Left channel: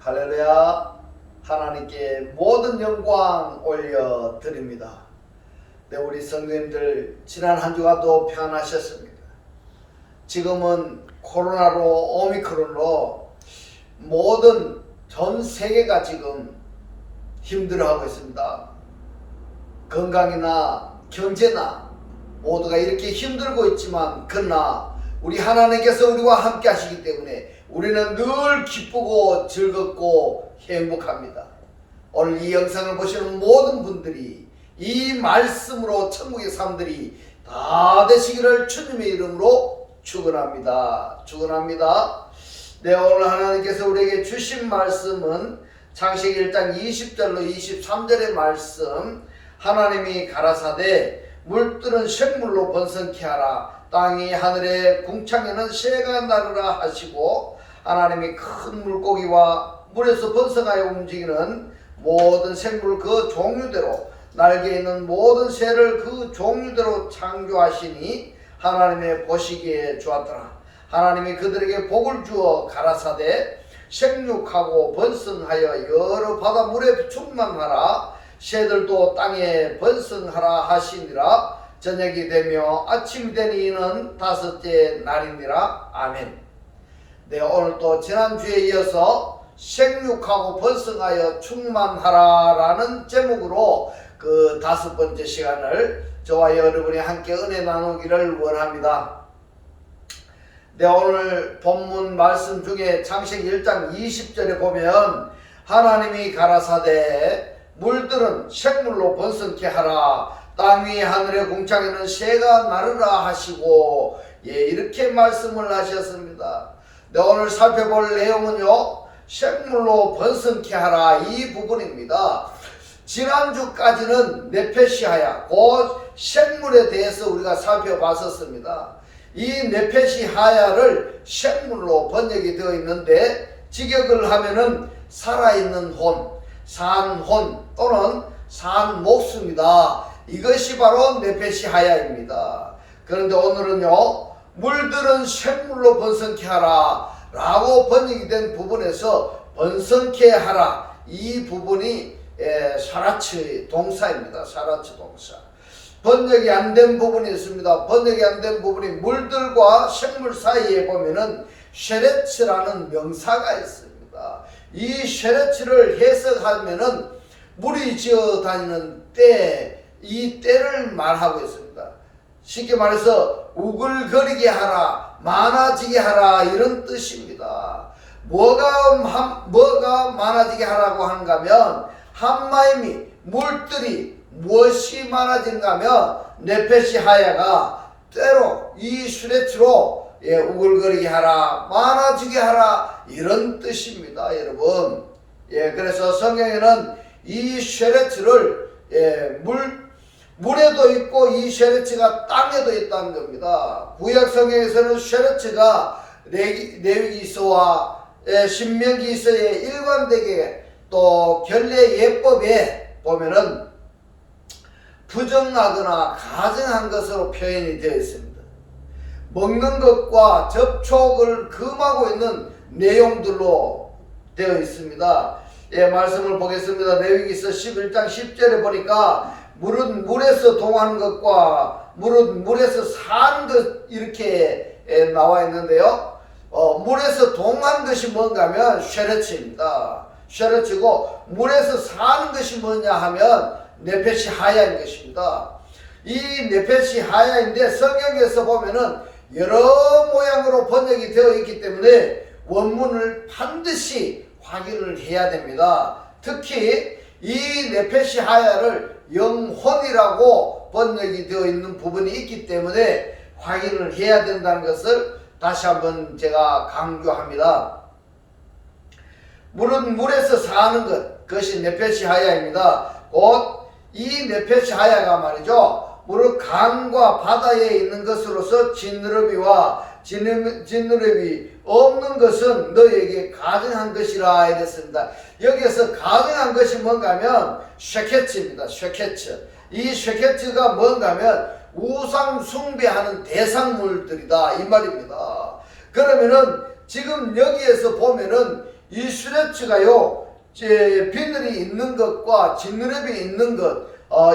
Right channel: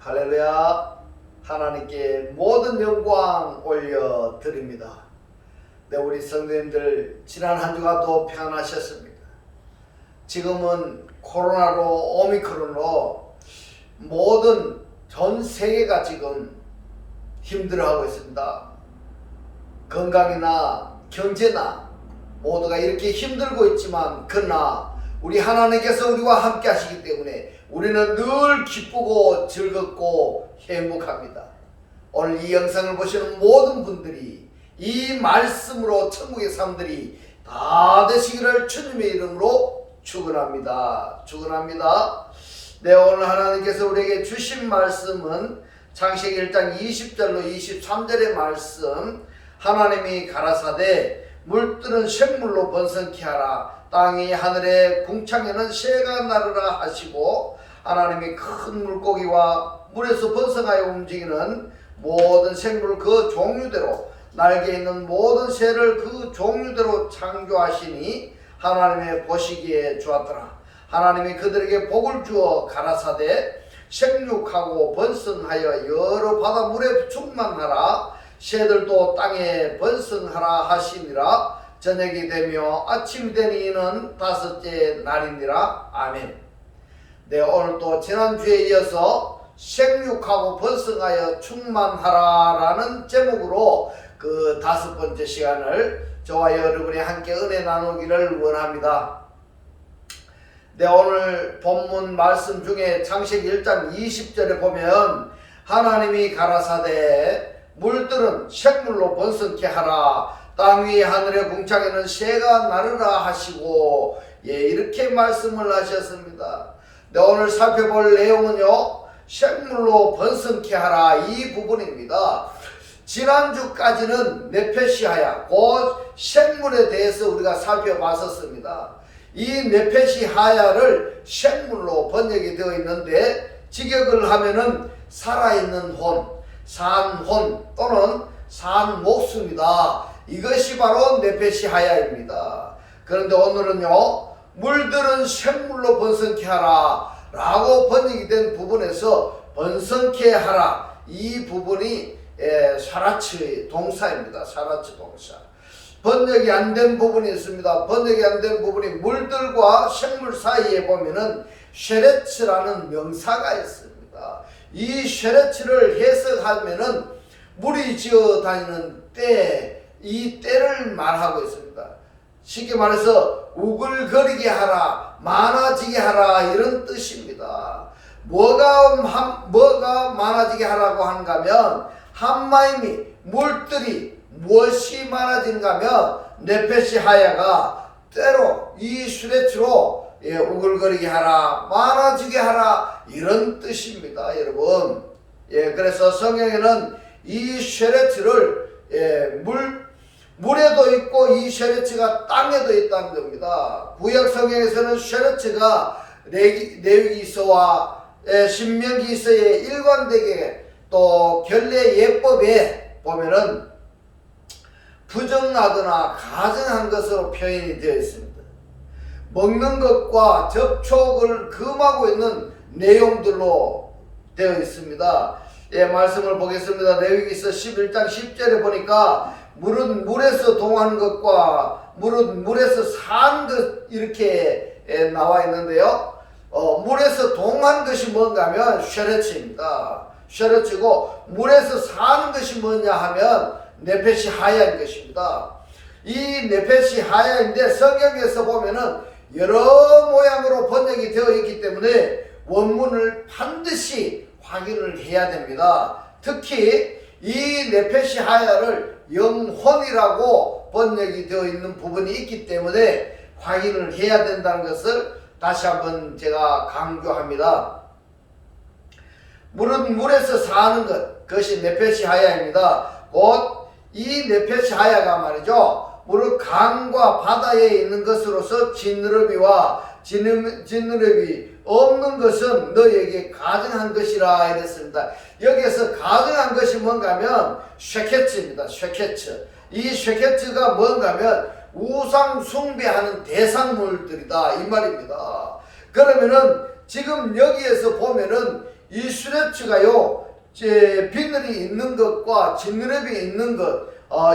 할렐루야. 하나님께 모든 영광 올려드립니다. 네, 우리 성도님들 지난 한 주간도 평안하셨습니까? 지금은 코로나로 오미크론으로 모든 전 세계가 지금 힘들어하고 있습니다. 건강이나 경제나 모두가 이렇게 힘들고 있지만 그러나 우리 하나님께서 우리와 함께 하시기 때문에 우리는 늘 기쁘고 즐겁고 행복합니다. 오늘 이 영상을 보시는 모든 분들이 이 말씀으로 천국의 사람들이 다 되시기를 주님의 이름으로 축원합니다. 축원합니다. 네, 오늘 하나님께서 우리에게 주신 말씀은 창세기 1장 20절로 23절의 말씀. 하나님이 가라사대 물들은 생물로 번성케 하라. 땅이 하늘의 궁창에는 새가 나르라 하시고, 하나님이 큰 물고기와 물에서 번성하여 움직이는 모든 생물 그 종류대로, 날개 있는 모든 새를 그 종류대로 창조하시니 하나님의 보시기에 좋았더라. 하나님이 그들에게 복을 주어 가라사대 생육하고 번성하여 여러 바다 물에 충만하라. 새들도 땅에 번성하라 하시니라. 저녁이 되며 아침이 되니 이는 다섯째 날이니라. 아멘. 네, 오늘 또 지난주에 이어서 생육하고 번성하여 충만하라 라는 제목으로 그 5번째 시간을 저와 여러분이 함께 은혜 나누기를 원합니다. 네, 오늘 본문 말씀 중에 창세기 1장 20절에 보면 하나님이 가라사대 물들은 생물로 번성케 하라. 땅 위 하늘의 궁창에는 새가 나르라 하시고, 이렇게 말씀을 하셨습니다. 네, 오늘 살펴볼 내용은요, 생물로 번성케 하라 이 부분입니다. 지난주까지는 네페시하야 곧 생물에 대해서 우리가 살펴봤었습니다. 이 네페시하야를 생물로 번역이 되어 있는데 직역을 하면은 살아있는 혼, 산 혼 또는 산 목숨이다. 이것이 바로 네페시하야입니다. 그런데 오늘은요, 물들은 생물로 번성케 하라 라고 번역이 된 부분에서 번성케 하라 이 부분이 사라치 동사입니다. 사라치 동사. 번역이 안 된 부분이 있습니다. 번역이 안 된 부분이 물들과 생물 사이에 보면은 쉐레츠라는 명사가 있습니다. 이 쉐레츠를 해석하면은 물이 지어 다니는 때, 이 때를 말하고 있습니다. 쉽게 말해서 우글거리게 하라, 많아지게 하라 이런 뜻입니다. 뭐가 많아지게 하라고 하는가 하면 한마임이 물들이 무엇이 많아진가 하면 네페시하야가 때로 이 슈레츠로 우글거리게 하라, 많아지게 하라 이런 뜻입니다. 여러분, 그래서 성경에는 이 쉐레츠를 물에도 있고 이 쉐레츠가 땅에도 있다는 겁니다. 구약 성경에서는 쉐레츠가 레위기서와 신명기서에 일관되게 또 결례 예법에 보면은 부정하거나 가증한 것으로 표현이 되어 있습니다. 먹는 것과 접촉을 금하고 있는 내용들로 되어 있습니다. 말씀을 보겠습니다. 레위기서 11장 10절에 보니까 물은 물에서 동하는 것과 물은 물에서 사는 것 이렇게 나와 있는데요. 물에서 동한 것이 뭔가 하면 쉐레츠입니다. 쉐레츠고 물에서 사는 것이 뭐냐 하면 네페시하야인 것입니다. 이 네페시하야인데 성경에서 보면은 여러 모양으로 번역이 되어 있기 때문에 원문을 반드시 확인을 해야 됩니다. 특히 이 네페시하야를 영혼이라고 번역이 되어 있는 부분이 있기 때문에 확인을 해야 된다는 것을 다시 한번 제가 강조합니다. 물은 물에서 사는 것, 그것이 네페시하야입니다. 곧 이 네페시하야가 말이죠, 무릇 강과 바다에 있는 것으로서 지느러미와 지느러미 없는 것은 너에게 가증한 것이라 이랬습니다. 여기에서 가증한 것이 뭔가 하면 쉐케츠입니다. 쉐케츠. 이 쉐케츠가 뭔가 하면 우상 숭배하는 대상물들이다 이 말입니다. 그러면은 지금 여기에서 보면은 이 쉐레츠가요, 비늘이 있는 것과 진느레비 있는 것,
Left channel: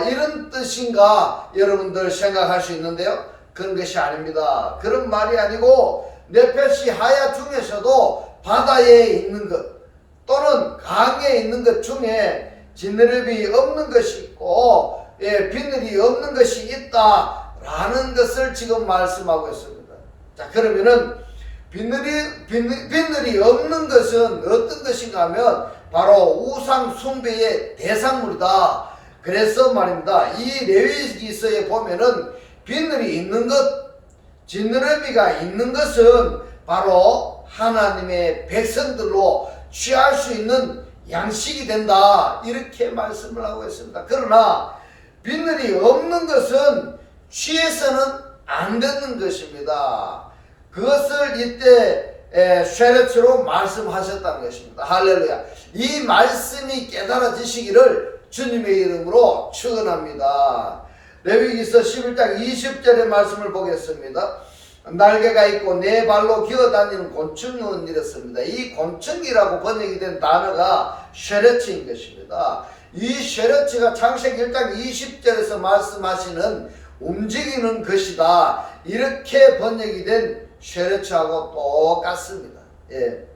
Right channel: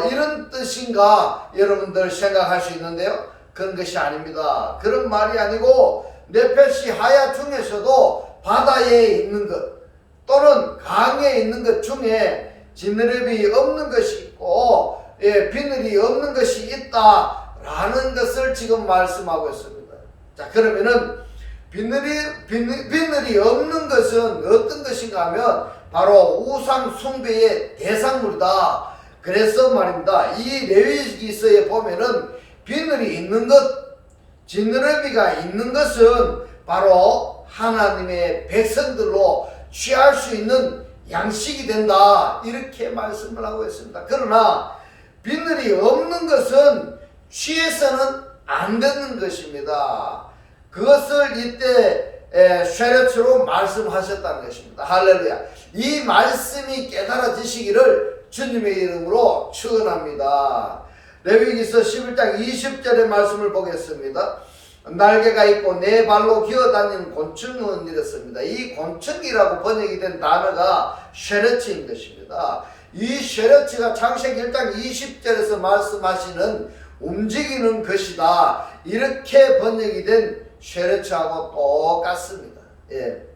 이런 뜻인가 여러분들 생각할 수 있는데요. 그런 것이 아닙니다. 그런 말이 아니고 네페시 하야 중에서도 바다에 있는 것 또는 강에 있는 것 중에 진느레비 없는 것이 있고 비늘이 없는 것이 있다라는 것을 지금 말씀하고 있습니다. 자, 그러면은 비늘이 없는 것은 어떤 것인가 하면 바로 우상 숭배의 대상물이다. 그래서 말입니다. 이 레위기서에 보면은 비늘이 있는 것, 진느러미가 있는 것은 바로 하나님의 백성들로 취할 수 있는 양식이 된다. 이렇게 말씀을 하고 있습니다. 그러나 비늘이 없는 것은 취해서는 안 되는 것입니다. 그것을 이때 쉐레츠로 말씀하셨다는 것입니다. 할렐루야. 이 말씀이 깨달아지시기를 주님의 이름으로 축원합니다. 레위기서 11장 20절의 말씀을 보겠습니다. 날개가 있고 네 발로 기어다니는 곤충은 이렇습니다. 이 곤충이라고 번역이 된 단어가 쉐레츠인 것입니다. 이 쉐레츠가 창세기 1장 20절에서 말씀하시는 움직이는 것이다. 이렇게 번역이 된 쉐레츠하고 똑같습니다. 예.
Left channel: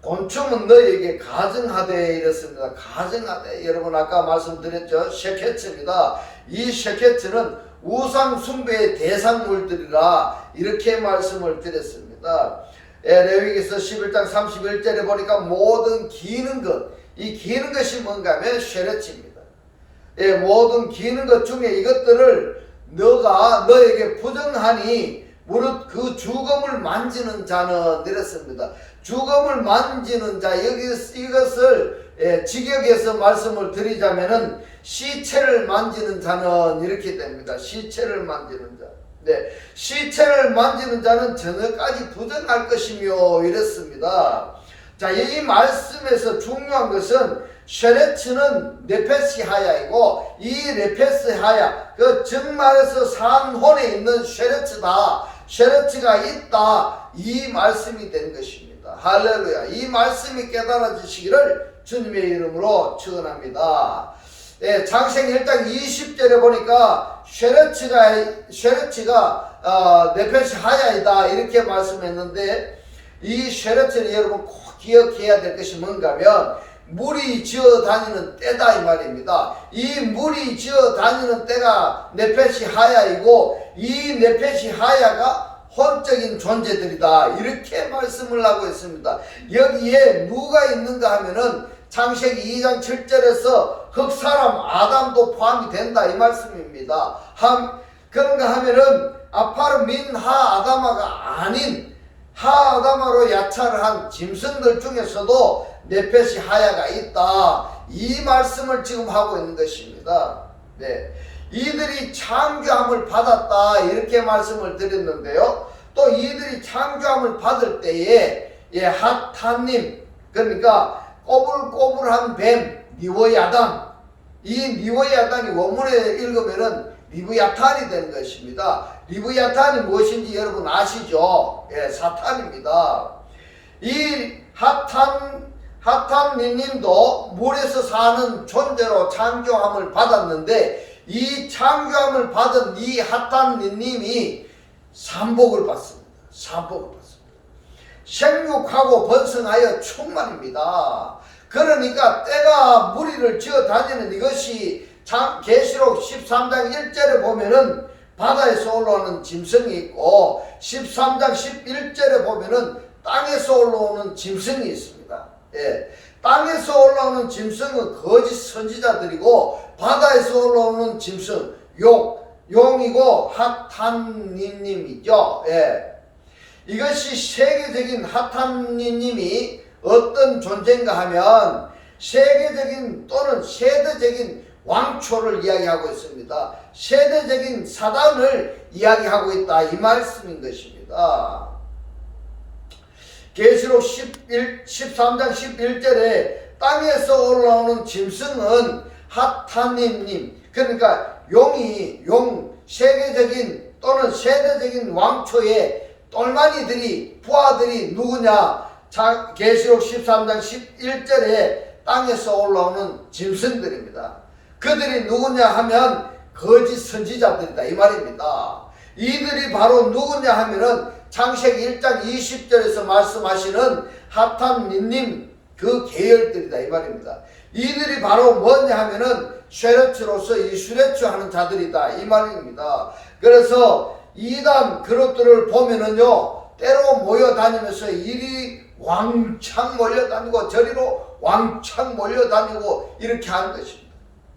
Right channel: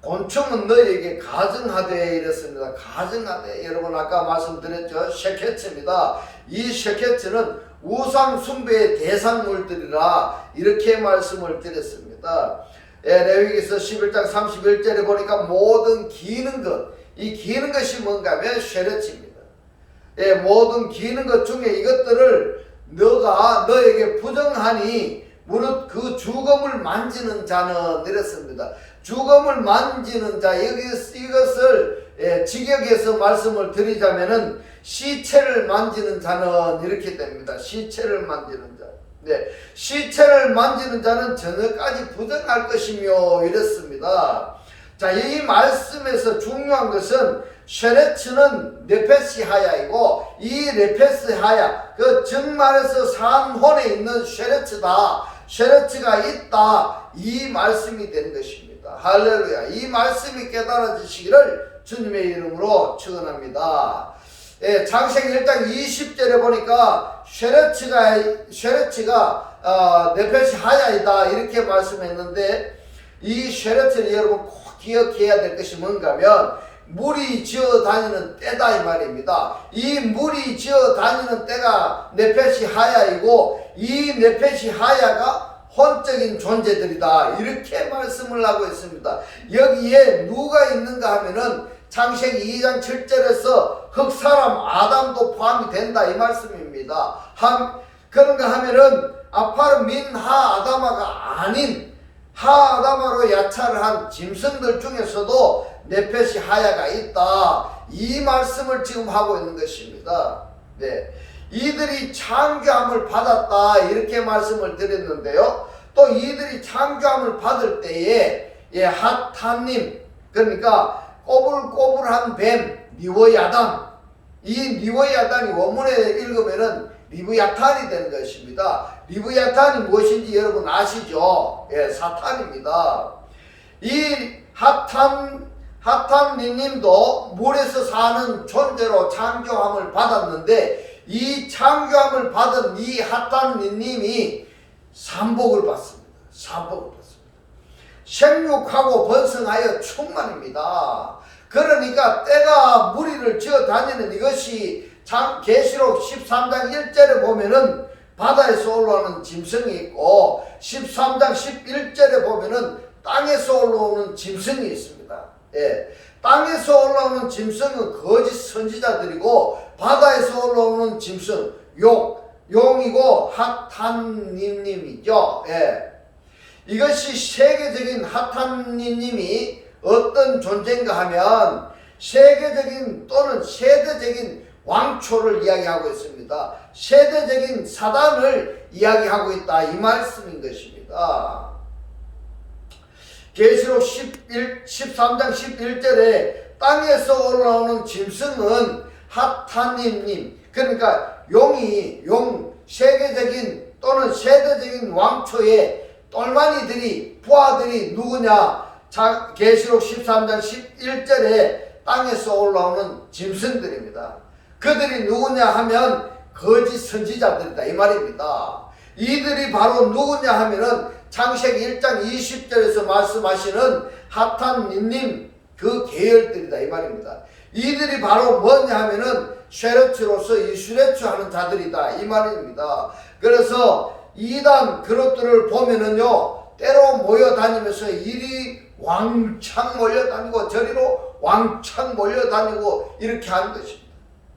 곤충은 너에게 가증하되 이랬습니다. 가증하되, 여러분 아까 말씀드렸죠. 쉐케츠입니다. 이 쉐케츠는 우상 숭배의 대상물들이라 이렇게 말씀을 드렸습니다. 레위기서 11장 31절에 보니까 모든 기는 것, 이 기는 것이 뭔가 하면 쉐레츠입니다. 모든 기는 것 중에 이것들을 너가 너에게 부정하니 무릇 그 주검을 만지는 자는 이랬습니다. 주검을 만지는 자, 이것을 직역해서 말씀을 드리자면은 시체를 만지는 자는 이렇게 됩니다. 시체를 만지는 자. 네, 시체를 만지는 자는 저녁까지 부정할 것이며 이랬습니다. 자, 이 말씀에서 중요한 것은 쉐레츠는 네페시 하야이고 이 네페시 하야, 그 정말에서 산혼에 있는 쉐레츠다. 쉐레츠가 있다. 이 말씀이 되는 것입니다. 할렐루야. 이 말씀이 깨달아지시기를 주님의 이름으로 축원합니다. 창세기 1장 20절에 보니까 쉐레츠가 네페시 하야이다 이렇게 말씀했는데 이 쉐레츠를 여러분 꼭 기억해야 될 것이 뭔가 하면 물이 지어 다니는 때다 이 말입니다. 이 물이 지어 다니는 때가 네페시 하야이고 이 네페시 하야가 혼적인 존재들이다 이렇게 말씀을 하고 있습니다. 여기에 누가 있는가 하면은 창세기 2장 7절에서 흑사람 아담도 포함이 된다 이 말씀입니다. 그런가 하면은 아파르 민 하 아다마가 아닌 하 아다마로 야차를 한 짐승들 중에서도 네페시 하야가 있다 이 말씀을 지금 하고 있는 것입니다. 네, 이들이 창조함을 받았다 이렇게 말씀을 드렸는데요. 또 이들이 창조함을 받을 때에 핫하님, 그러니까 꼬불꼬불한 뱀 리워야단, 이 리워야단이 원문에 읽으면은 리브야탄이 되는 것입니다. 리브야탄이 무엇인지 여러분 아시죠? 사탄입니다. 이 핫한님도 물에서 사는 존재로 창조함을 받았는데 이 창조함을 받은 이 핫한님이 산복을 받습니다. 산복을 받습니다. 생육하고 번성하여 충만입니다. 그러니까 때가 무리를 지어 다니는 이것이 계시록 13장 1절에 보면은 바다에서 올라오는 짐승이 있고 13장 11절에 보면은 땅에서 올라오는 짐승이 있습니다. 땅에서 올라오는 짐승은 거짓 선지자들이고 바다에서 올라오는 짐승 용이고 핫한님이죠. 이것이 세계적인 핫한님이 어떤 존재인가 하면 세계적인 또는 세대적인 왕초를 이야기하고 있습니다. 세대적인 사단을 이야기하고 있다 이 말씀인 것입니다. 계시록 13장 11절에 땅에서 올라오는 짐승은 핫하님, 그러니까 용 세계적인 또는 세대적인 왕초의 똘마니들이 부하들이 누구냐? 계시록 13장 11절에 땅에서 올라오는 짐승들입니다. 그들이 누구냐 하면 거짓 선지자들이다 이 말입니다. 이들이 바로 누구냐 하면은 창세기 1장 20절에서 말씀하시는 하탄 닌님 그 계열들이다 이 말입니다. 이들이 바로 뭐냐 하면은 쉐레츠로서 이슈레츠 하는 자들이다 이 말입니다. 그래서 이단 그룹들을 보면은요 때로 모여다니면서 이리 왕창 몰려다니고 저리로 왕창 몰려다니고 이렇게 하는 것입니다.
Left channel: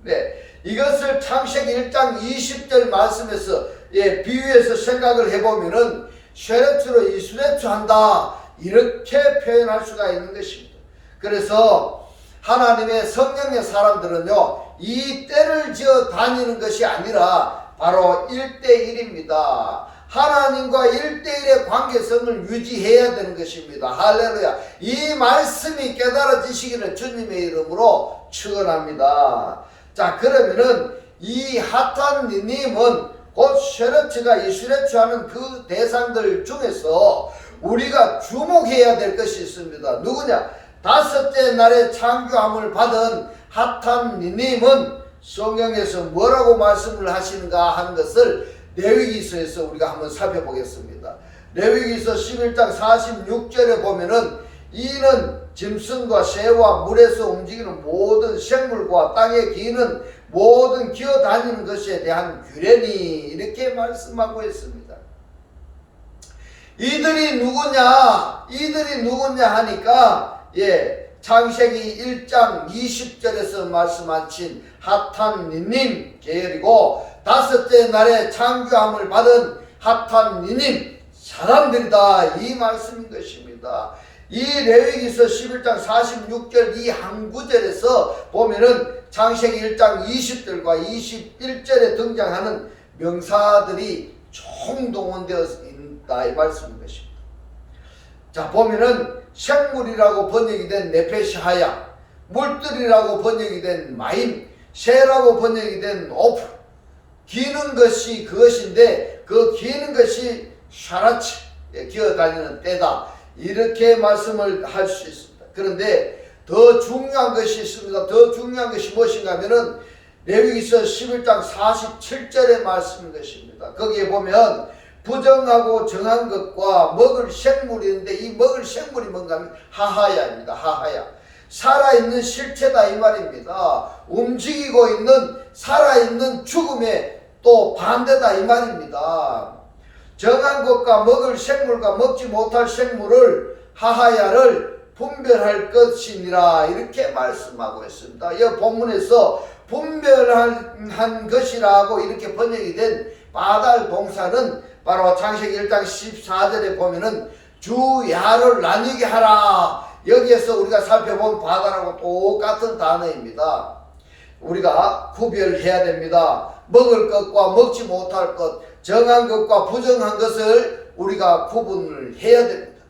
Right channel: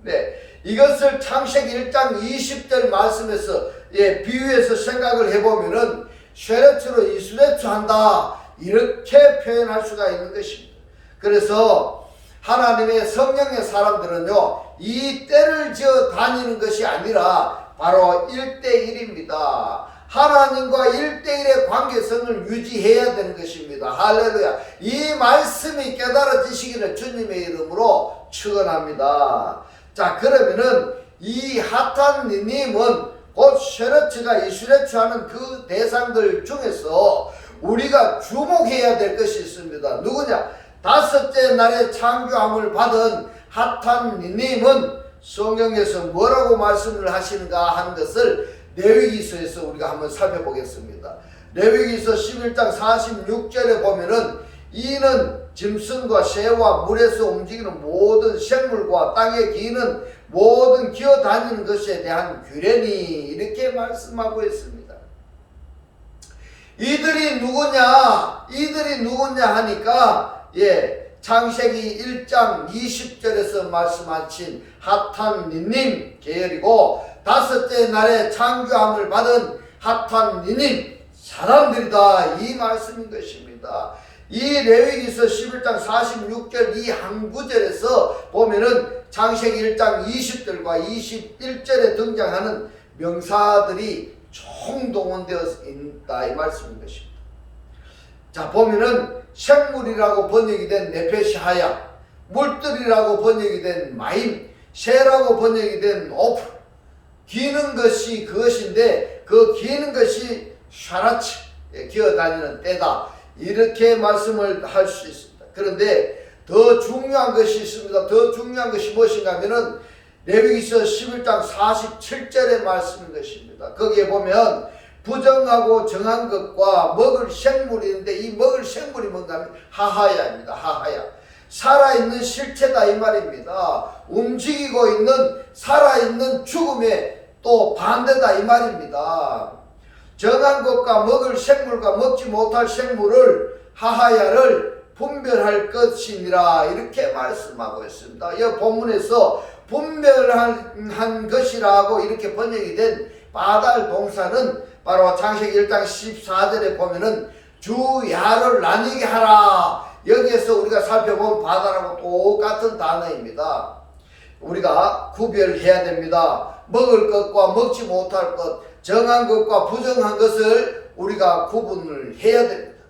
네, 이것을 창세기 1장 20절 말씀에서 비유해서 생각을 해보면은 쉐레츠로 이슈레츠 한다 이렇게 표현할 수가 있는 것입니다. 그래서 하나님의 성령의 사람들은요 이 때를 지어 다니는 것이 아니라 바로 1대1입니다. 하나님과 1대1의 관계성을 유지해야 되는 것입니다. 할렐루야. 이 말씀이 깨달아지시기를 주님의 이름으로 축원합니다. 자, 그러면은 이 하탄님은 곧 쉐레츠가 이슈레츠 하는 그 대상들 중에서 우리가 주목해야 될 것이 있습니다. 누구냐? 다섯째 날에 창조함을 받은 하탄님은 성경에서 뭐라고 말씀을 하시는가 하는 것을 레위기서에서 우리가 한번 살펴보겠습니다. 레위기서 11장 46절에 보면은 이는 짐승과 새와 물에서 움직이는 모든 생물과 땅에 기는 모든 기어다니는 것에 대한 규례니 이렇게 말씀하고 있습니다. 이들이 누구냐 하니까 창세기 1장 20절에서 말씀하신 하탄님 계열이고 다섯째 날에 창조함을 받은 하탄님 사람들이다 이 말씀인 것입니다. 이 레위기서 11장 46절 이 한 구절에서 보면은 창세기 1장 20절과 21절에 등장하는 명사들이 총동원되어 있다 이 말씀인 것입니다. 자, 보면은 생물이라고 번역이 된 네페시하야, 물들이라고 번역이 된 마임, 새라고 번역이 된 오프, 기는 것이 그것인데 그 기는 것이 샤라치, 기어다니는 때다 이렇게 말씀을 할 수 있습니다. 그런데 더 중요한 것이 있습니다. 더 중요한 것이 무엇인가 하면은 레위기서 11장 47절의 말씀인 것입니다. 거기에 보면 부정하고 정한 것과 먹을 생물이 있는데 이 먹을 생물이 뭔가 하면 하하야입니다. 하하야. 살아있는 실체다 이 말입니다. 움직이고 있는 살아있는 죽음의 또 반대다 이 말입니다. 정한 것과 먹을 생물과 먹지 못할 생물을 하하야를 분별할 것이니라 이렇게 말씀하고 있습니다. 이 본문에서 분별한 것이라고 이렇게 번역이 된 바달 동사는 바로 창세기 1장 14절에 보면은 주야를 나뉘게 하라. 여기에서 우리가 살펴본 바다라고 똑같은 단어입니다. 우리가 구별해야 됩니다. 먹을 것과 먹지 못할 것, 정한 것과 부정한 것을 우리가 구분을 해야 됩니다.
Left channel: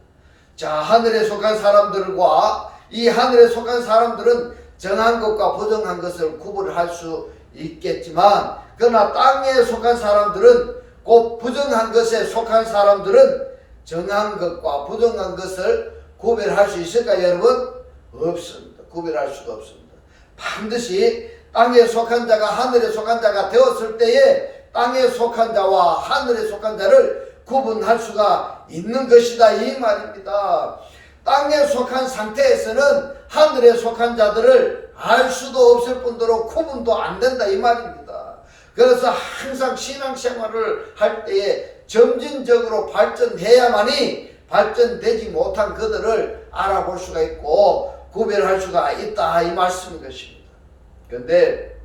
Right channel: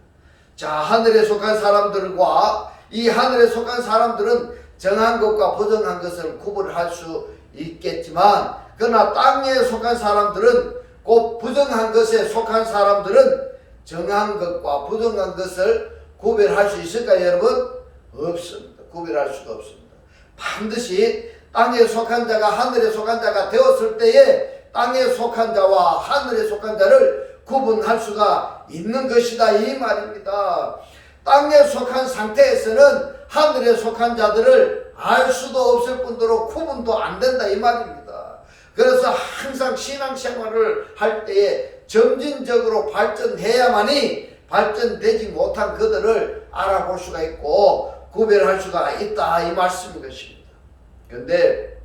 자, 하늘에 속한 사람들과 이 하늘에 속한 사람들은 정한 것과 부정한 것을 구분할 수 있겠지만 그러나 땅에 속한 사람들은 곧 부정한 것에 속한 사람들은 정한 것과 부정한 것을 구별할 수 있을까요, 여러분? 없습니다. 구별할 수가 없습니다. 반드시 땅에 속한 자가 하늘에 속한 자가 되었을 때에 땅에 속한 자와 하늘에 속한 자를 구분할 수가 있는 것이다 이 말입니다. 땅에 속한 상태에서는 하늘에 속한 자들을 알 수도 없을 뿐더러 구분도 안 된다 이 말입니다. 그래서 항상 신앙생활을 할 때에 점진적으로 발전해야만이 발전되지 못한 그들을 알아볼 수가 있고 구별할 수가 있다 이 말씀인 것입니다. 그런데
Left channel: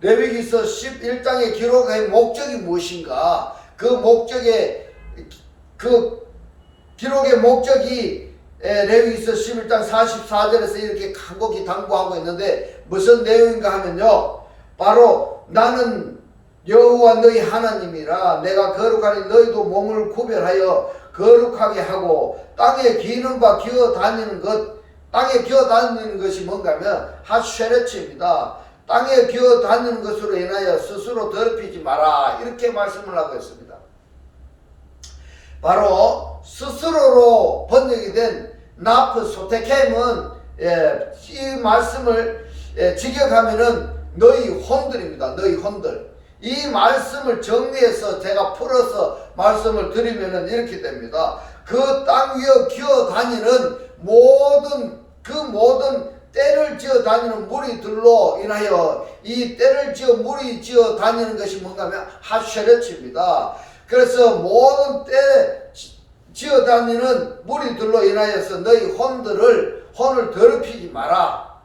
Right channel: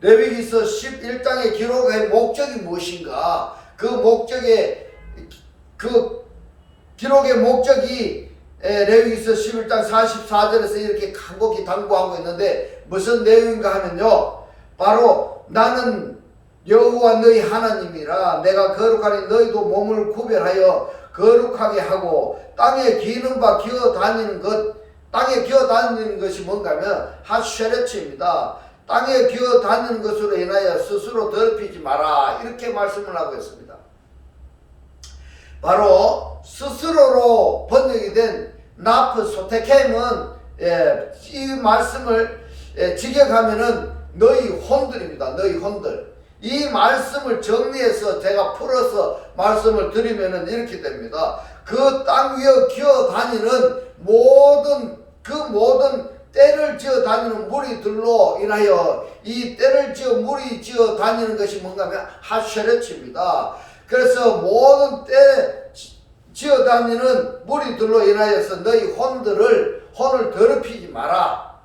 레위기서 11장의 기록의 목적이 무엇인가? 기록의 목적이 레위기서 11장 44절에서 이렇게 간곡히 당부하고 있는데 무슨 내용인가 하면요, 바로 나는 여호와 너희 하나님이라 내가 거룩하니 너희도 몸을 구별하여 거룩하게 하고 땅에 기는 바 기어다니는 것, 땅에 기어다니는 것이 뭔가 하면 하쉐레츠입니다. 땅에 기어다니는 것으로 인하여 스스로 더럽히지 마라 이렇게 말씀을 하고 있습니다. 바로 스스로로 번역이 된 나프 소테켐은 이 말씀을 직역하면은 너희 혼들입니다. 너희 혼들. 이 말씀을 정리해서 제가 풀어서 말씀을 드리면은 이렇게 됩니다. 그 땅 위에 기어 다니는 모든 때를 지어 다니는 무리들로 인하여 이 때를 무리 지어 다니는 것이 뭔가 하면 하쉐렛입니다. 그래서 모든 때 지어 다니는 무리들로 인하여서 너희 혼을 더럽히지 마라.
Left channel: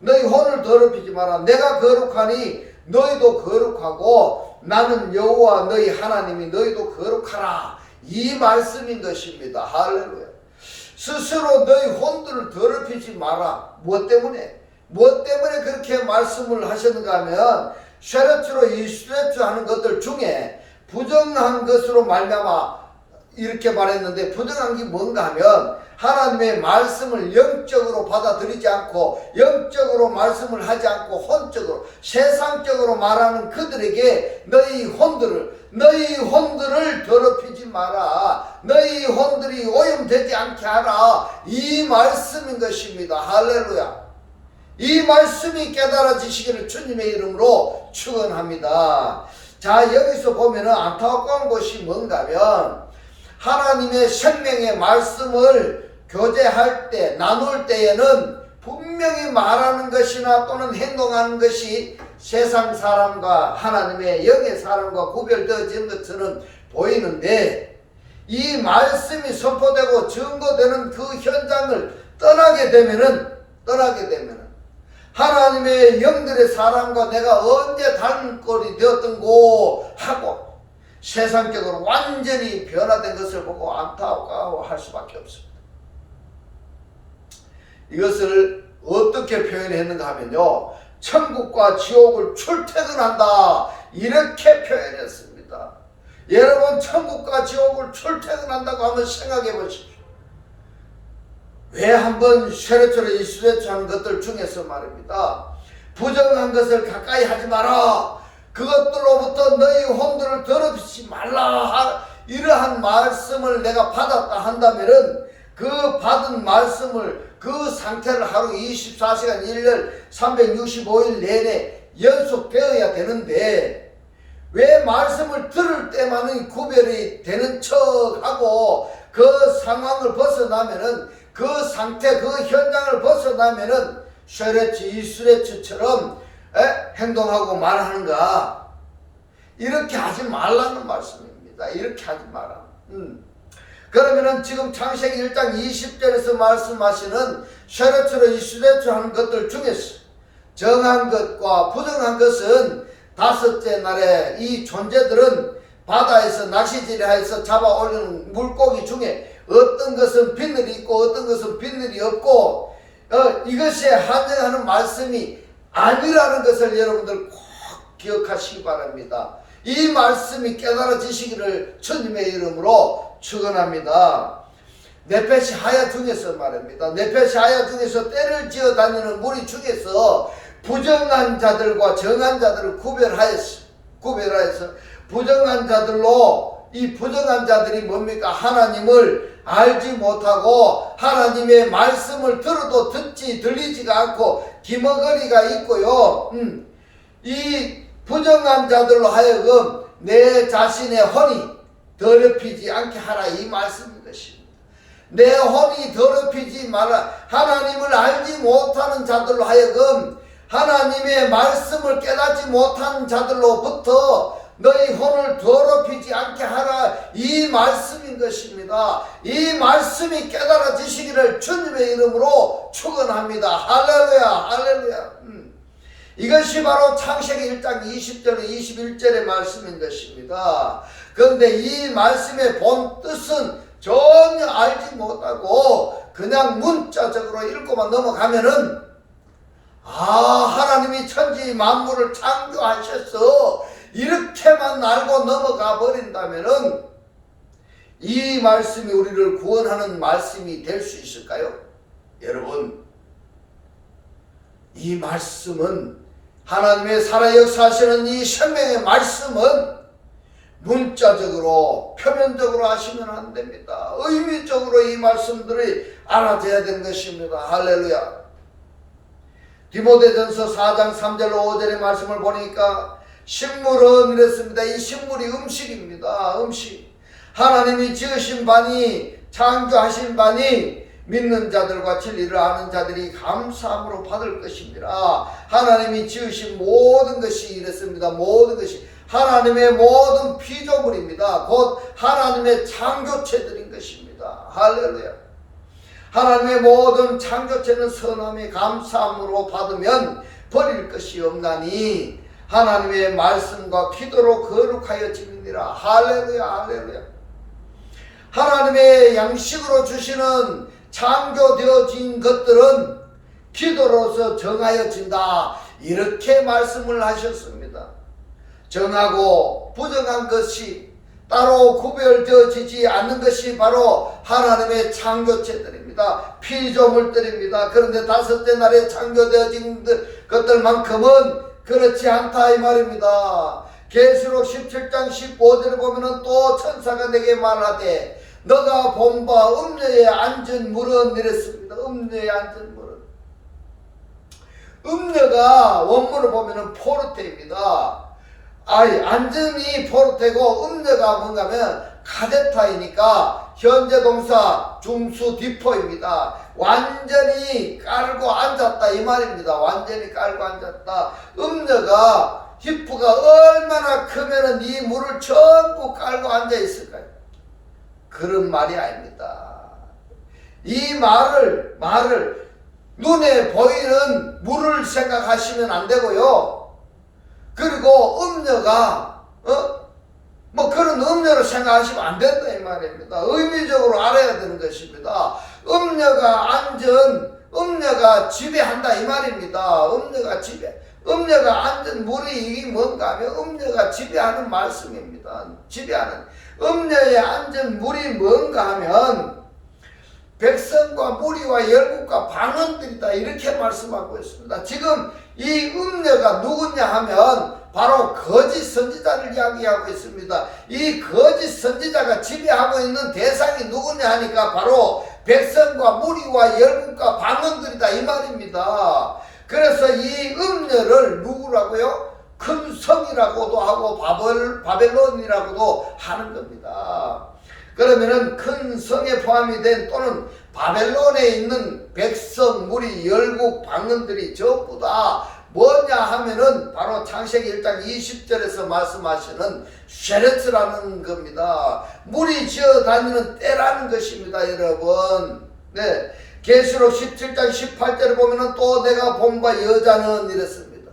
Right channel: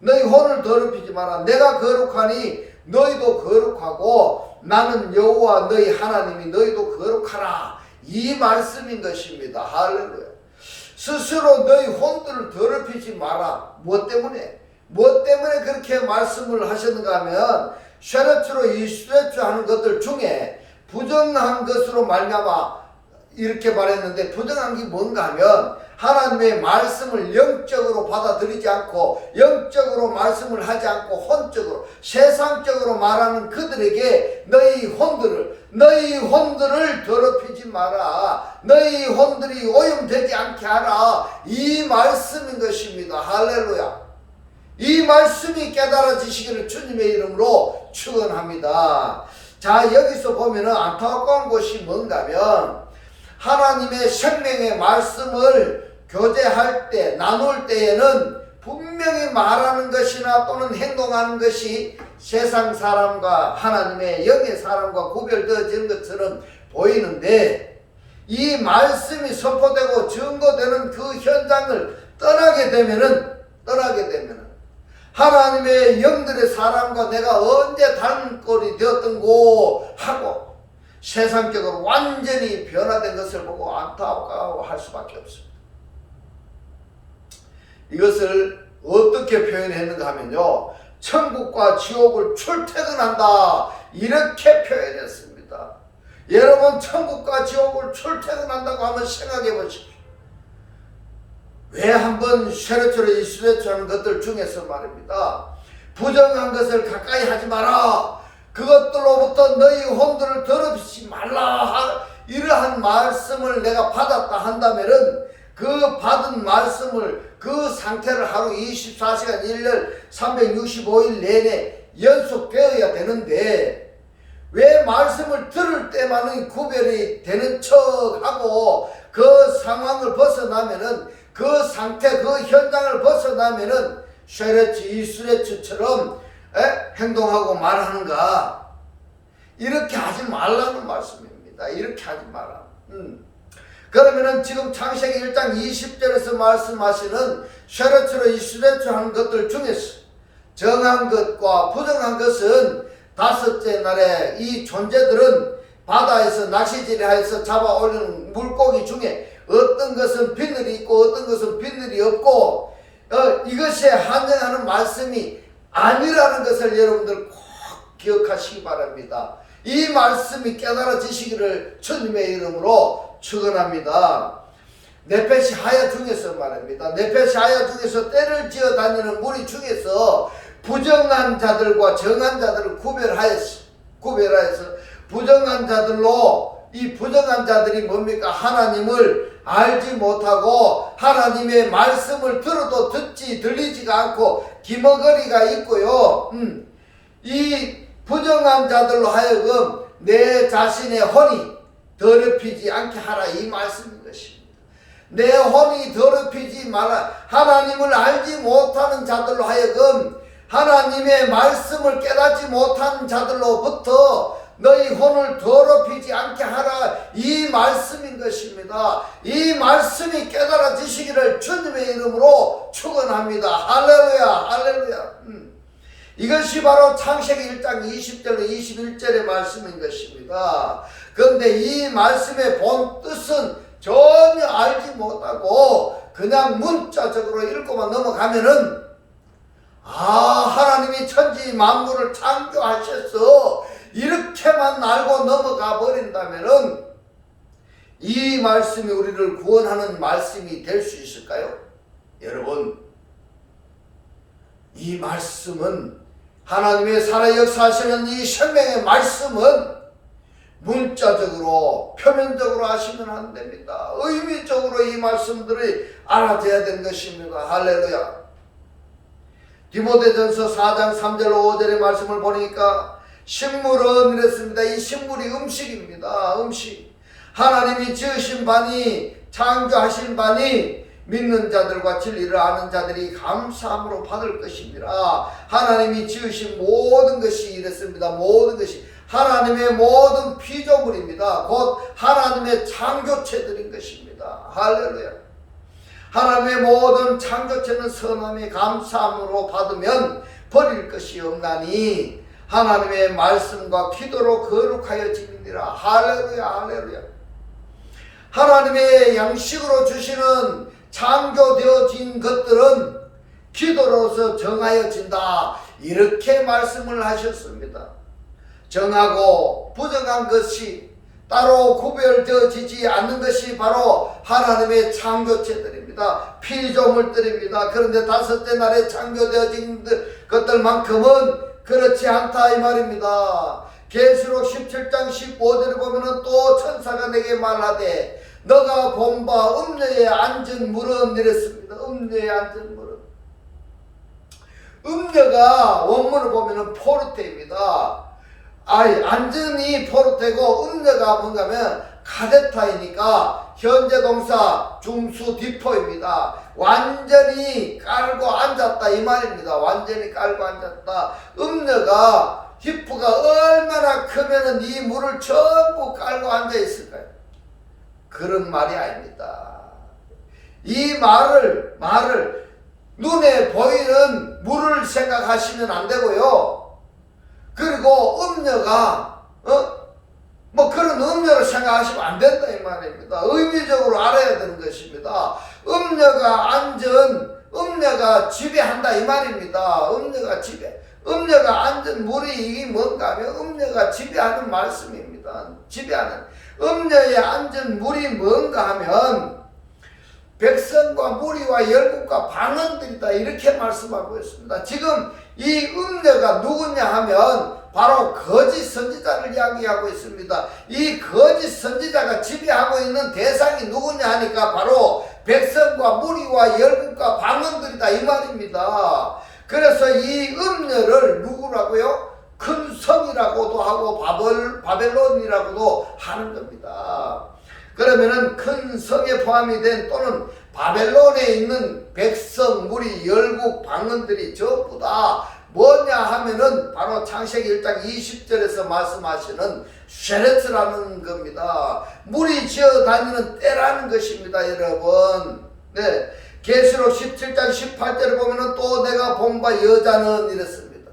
너희 혼을 더럽히지 마라. 내가 거룩하니 너희도 거룩하고 나는 여호와 너희 하나님이 너희도 거룩하라. 이 말씀인 것입니다. 할렐루야. 스스로 너희 혼들을 더럽히지 마라. 무엇 때문에 그렇게 말씀을 하셨는가 하면 쉐레츠로 이슈레츠 하는 것들 중에 부정한 것으로 말미암아 이렇게 말했는데, 부정한 게 뭔가 하면 하나님의 말씀을 영적으로 받아들이지 않고 영적으로 말씀을 하지 않고 혼적으로 세상적으로 말하는 그들에게 너희 혼들을 더럽히지 마라. 너희 혼들이 오염되지 않게 하라. 이 말씀인 것입니다. 할렐루야. 이 말씀이 깨달아지시기를 주님의 이름으로 축원합니다. 자, 여기서 보면은 안타까운 것이 뭔가 하면 하나님의 생명의 말씀을 교제할 때, 나눌 때에는 분명히 말하는 것이나 또는 행동하는 것이 세상 사람과 하나님의 영의 사람과 구별되어지는 것처럼 보이는데, 이 말씀이 선포되고 증거되는 그 현장을 떠나게 되면은 하나님의 영들의 사람과 내가 언제 단골이 되었던고 하고 세상적으로 완전히 변화된 것을 보고 안타까워할 수밖에 없습니다. 이것을 어떻게 표현했는가 하면요, 천국과 지옥을 출퇴근한다, 이렇게 표현했습니다. 여러분, 천국과 지옥을 출퇴근한다고 한번 생각해 보십시오. 왜 한번 쉐레츠로 이슈레츠 하는 것들 중에서 말입니다, 부정한 것을 가까이 하지 마라, 그것들로부터 너희 혼들을 더럽히지 말라, 이러한 말씀을 내가 받았다 한다면은 그 받은 말씀을, 그 상태를 하루 24시간 1년 365일 내내 연속되어야 되는데, 왜 말씀을 들을 때만은 구별이 되는 척하고 그 상황을 벗어나면은, 그 상태, 그 현장을 벗어나면은 쉐레츠 이슈레츠처럼 행동하고 말하는가? 이렇게 하지 말라는 말씀입니다. 이렇게 하지 마라. 그러면은 지금 창세기 1장 20절에서 말씀하시는 쉐레츠로 이슈레츠 하는 것들 중에서 정한 것과 부정한 것은 다섯째 날에 이 존재들은 바다에서 낚시질해서 잡아 올리는 물고기 중에 어떤 것은 비늘이 있고 어떤 것은 비늘이 없고 이것에 한정하는 말씀이 아니라는 것을 여러분들 꼭 기억하시기 바랍니다. 이 말씀이 깨달아지시기를 주님의 이름으로 축원합니다. 네페시 하야 중에서 말입니다. 네페시 하야 중에서 때를 지어 다니는 무리 중에서 부정한 자들과 정한 자들을 구별하여서 부정한 자들로, 이 부정한 자들이 뭡니까? 하나님을 알지 못하고 하나님의 말씀을 들어도 들리지가 않고 기머거리가 있고요. 이 부정한 자들로 하여금 내 자신의 혼이 더럽히지 않게 하라, 이 말씀인 것입니다. 내 혼이 더럽히지 말라. 하나님을 알지 못하는 자들로 하여금 하나님의 말씀을 깨닫지 못하는 자들로부터 너희 혼을 더럽히지 않게 하라, 이 말씀인 것입니다. 이 말씀이 깨달아지시기를 주님의 이름으로 축원합니다. 할렐루야, 할렐루야. 이것이 바로 창세기 1장 20절로 21절의 말씀인 것입니다. 그런데 이 말씀의 본 뜻은 전혀 알지 못하고 그냥 문자적으로 읽고만 넘어가면은, 하나님이 천지 만물을 창조하셔서 이렇게만 알고 넘어가 버린다면은 이 말씀이 우리를 구원하는 말씀이 될 수 있을까요? 여러분, 이 말씀은, 하나님의 살아 역사하시는 이 생명의 말씀은 문자적으로 표면적으로 하시면 안 됩니다. 의미적으로 이 말씀들이 알아져야 되는 것입니다. 할렐루야. 디모데전서 4장 3절 5절의 말씀을 보니까 식물은 이랬습니다. 이 식물이 음식입니다. 음식. 하나님이 지으신 바니 창조하신 바니 믿는 자들과 진리를 아는 자들이 감사함으로 받을 것입니다. 하나님이 지으신 모든 것이 이랬습니다. 모든 것이 하나님의 모든 피조물입니다. 곧 하나님의 창조체들인 것입니다. 할렐루야. 하나님의 모든 창조체는 선함이 감사함으로 받으면 버릴 것이 없나니 하나님의 말씀과 기도로 거룩하여 지니라. 할렐루야. 할렐루야. 하나님의 양식으로 주시는 창조되어진 것들은 기도로서 정하여진다. 이렇게 말씀을 하셨습니다. 정하고 부정한 것이 따로 구별되어지지 않는 것이 바로 하나님의 창조체들입니다. 피조물들입니다. 그런데 다섯째 날에 창조되어진 것들만큼은 그렇지 않다 이 말입니다. 계시록 17장 15절을 보면은 또 천사가 내게 말하되 너가 본 바 음녀에 앉은 물은 이랬습니다. 음녀에 앉은 물은 음녀가 원문을 보면은 포르테입니다. 앉은이 포르테고 음녀가 뭔가 하면 카데타이니까 현재 동사 중수 디포입니다. 완전히 깔고 앉았다 이 말입니다. 완전히 깔고 앉았다. 음녀가 히프가 얼마나 크면은 이 물을 전부 깔고 앉아 있을까요? 그런 말이 아닙니다. 이 말을 눈에 보이는 물을 생각하시면 안 되고요. 그리고 음녀가 뭐 그런 음녀로 생각하시면 안 된다 이 말입니다. 의미적으로 알아야 되는 것입니다. 음녀가 지배한다 이 말입니다. 음녀가 앉은 물이 뭔가 하면 음녀가 지배하는 말씀입니다. 음녀에 앉은 물이 뭔가 하면 백성과 무리와 열국과 방언들이다 이렇게 말씀하고 있습니다. 지금 이 음녀가 누구냐 하면 바로 거짓 선지자를 이야기하고 있습니다. 이 거짓 선지자가 지배하고 있는 대상이 누구냐 하니까 바로 백성과 무리와 열국과 방언들이다 이 말입니다. 그래서 이 음녀를 누구라고요? 큰 성이라고도 하고 바벨론이라고도 하는 겁니다. 그러면은 큰 성에 포함이 된 또는 바벨론에 있는 백성, 무리, 열국, 방언들이 전부 다 뭐냐 하면은 바로 창세기 1장 20절에서 말씀하시는 쉐레츠라는 겁니다. 물이 지어 다니는 때라는 것입니다, 여러분. 네. 계시록 17장 18절을 보면은 또 내가 본 바 여자는 이랬습니다.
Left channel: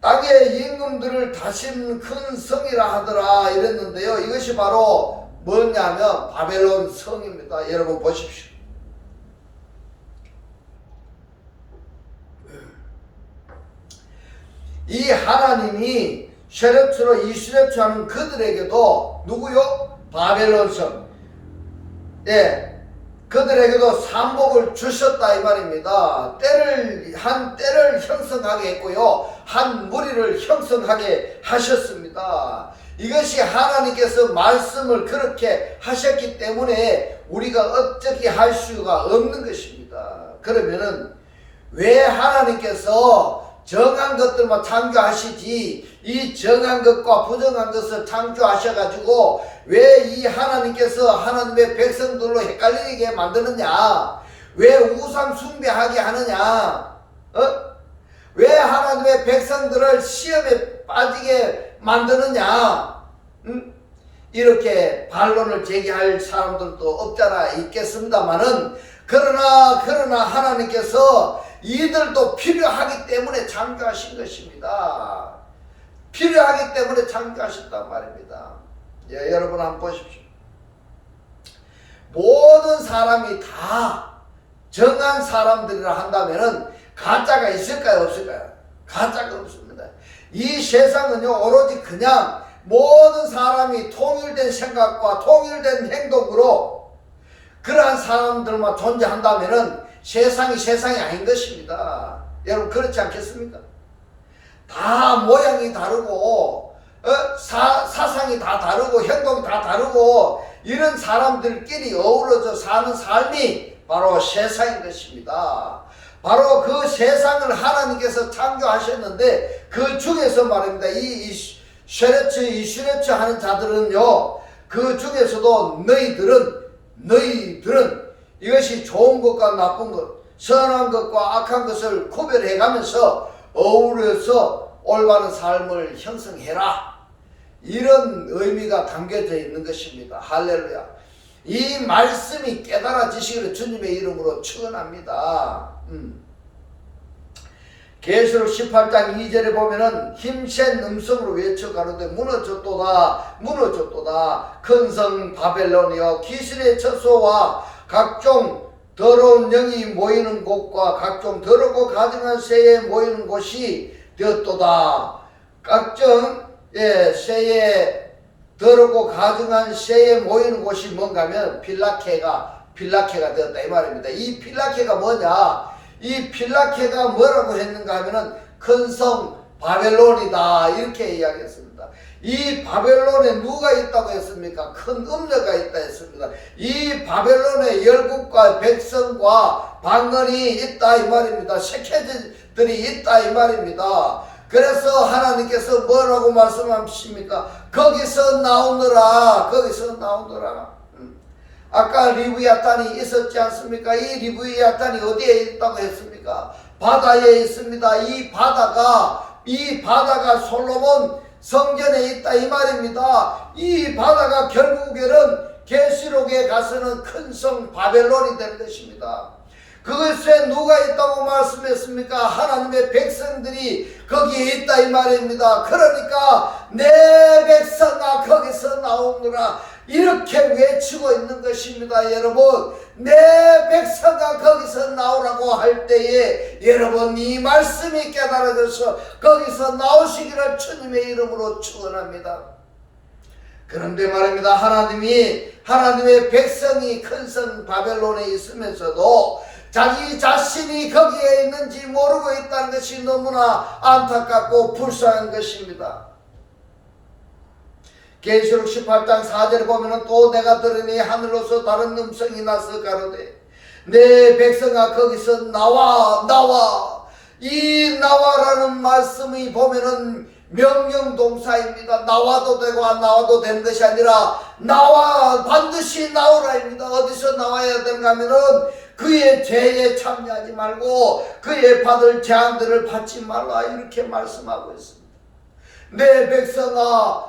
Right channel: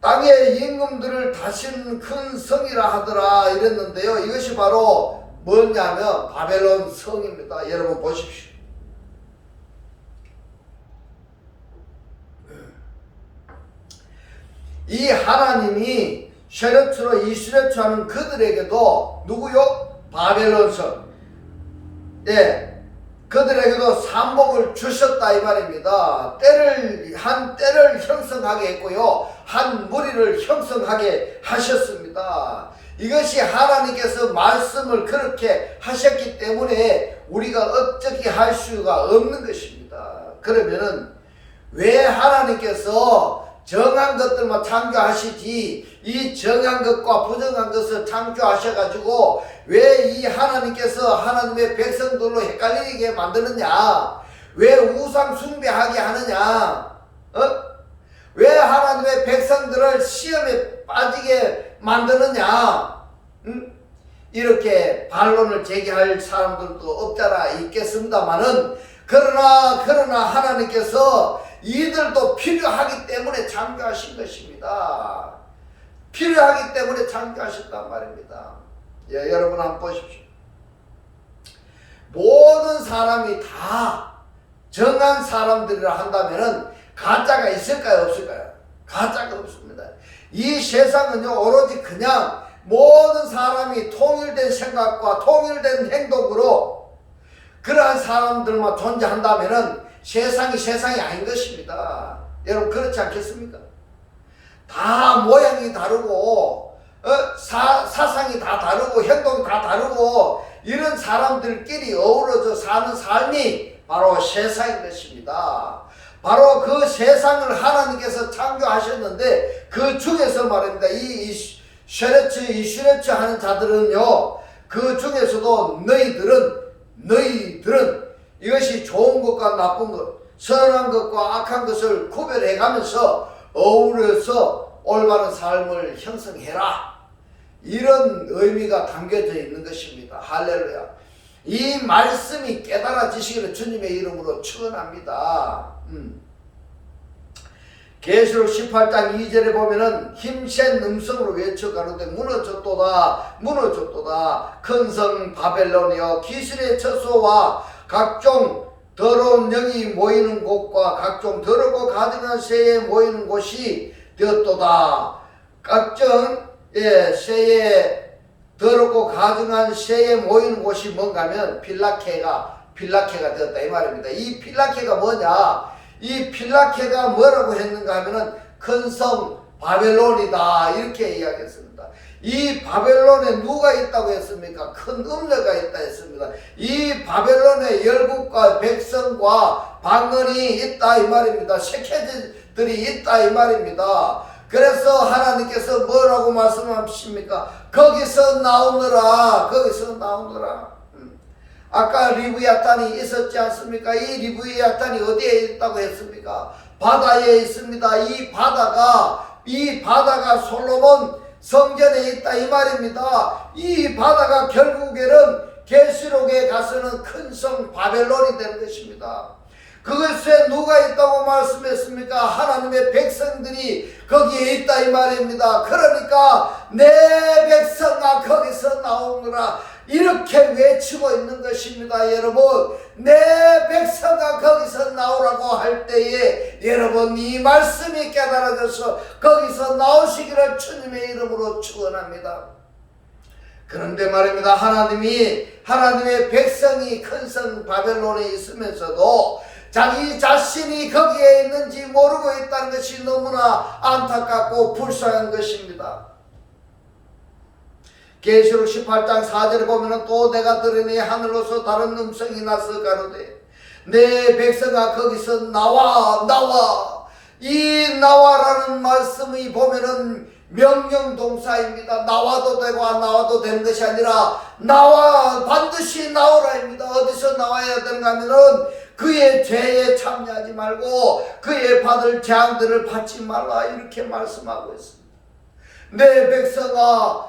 땅의 임금들을 다신 큰 성이라 하더라 이랬는데요. 이것이 바로 뭐냐면 바벨론 성입니다. 여러분 보십시오. 이 하나님이 쉐레츠로 이스레츠 하는 그들에게도 누구요? 바벨론 성. 예. 그들에게도 산복을 주셨다 이 말입니다. 한 때를 형성하게 했고요. 한 무리를 형성하게 하셨습니다. 이것이 하나님께서 말씀을 그렇게 하셨기 때문에 우리가 어떻게 할 수가 없는 것입니다. 그러면은 왜 하나님께서 정한 것들만 창조하시지 이 정한 것과 부정한 것을 창조하셔가지고 왜 이 하나님께서 하나님의 백성들로 헷갈리게 만드느냐? 왜 우상 숭배하게 하느냐? 왜 하나님의 백성들을 시험에 빠지게 만드느냐? 이렇게 반론을 제기할 사람들도 없잖아 있겠습니다만은 그러나 하나님께서 이들도 필요하기 때문에 창조하신 것입니다. 필요하기 때문에 창조하셨단 말입니다. 예, 여러분 한번 보십시오. 모든 사람이 다 정한 사람들이라 한다면은 가짜가 있을까요? 없을까요? 가짜가 없습니다. 이 세상은요 오로지 그냥 모든 사람이 통일된 생각과 통일된 행동으로 그러한 사람들만 존재한다면은 세상이 아닌 것입니다. 여러분 그렇지 않겠습니까? 다 모양이 다르고 사상이 다 다르고 행동이 다 다르고 이런 사람들끼리 어우러져 사는 삶이 바로 세상인 것입니다. 바로 그 세상을 하나님께서 창조하셨는데 그 중에서 말입니다. 이 슈레츠 하는 자들은요, 그 중에서도 너희들은 이것이 좋은 것과 나쁜 것, 선한 것과 악한 것을 구별해 가면서 어우러서 올바른 삶을 형성해라. 이런 의미가 담겨져 있는 것입니다. 할렐루야. 이 말씀이 깨달아지시기를 주님의 이름으로 축원합니다. 계시록 18장 2절에 보면은 힘센 음성으로 외쳐 가로되 무너졌도다 큰 성 바벨론이여 귀신의 처소와 각종 더러운 영이 모이는 곳과 각종 더럽고 가증한 새에 모이는 곳이 되었도다. 각종 새에 더럽고 가증한 새에 모이는 곳이 뭔가 하면 필라케가 되었다 이 말입니다. 이 필라케가 뭐냐? 이 필라케가 뭐라고 했는가 하면은 큰 성 바벨론이다 이렇게 이야기했습니다. 이 바벨론에 누가 있다고 했습니까? 큰 음녀가 있다 했습니다. 이 바벨론에 열국과 백성과 방언이 있다 이 말입니다. 세계들이 있다 이 말입니다. 그래서 하나님께서 뭐라고 말씀하십니까? 거기서 나오너라. 아까 리브야탄이 있었지 않습니까? 이 리브야탄이 어디에 있다고 했습니까? 바다에 있습니다. 이 바다가 솔로몬 성전에 있다 이 말입니다. 이 바다가 결국에는 계시록에 가서는 큰 성 바벨론이 되는 것입니다. 그것에 누가 있다고 말씀했습니까? 하나님의 백성들이 거기에 있다 이 말입니다. 그러니까 내 백성아 거기서 나오느라 이렇게 외치고 있는 것입니다. 여러분, 내 백성아 거기서 나오라고 할 때에 여러분 이 말씀이 깨달아져서 거기서 나오시기를 주님의 이름으로 축원합니다. 그런데 말입니다. 하나님의 백성이 큰 성 바벨론에 있으면서도 자기 자신이 거기에 있는지 모르고 있다는 것이 너무나 안타깝고 불쌍한 것입니다. 계시록 18장 4절에 보면 또 내가 들으니 하늘로서 다른 음성이 나서 가로되 내 백성아 거기서 나와. 이 나와라는 말씀이 보면은 명령 동사입니다. 나와도 되고 안 나와도 되는 것이 아니라 나와, 반드시 나오라입니다. 어디서 나와야 되는가 하면은 그의 죄에 참여하지 말고 그의 받을 재앙들을 받지 말라 이렇게 말씀하고 있습니다. 내 백성아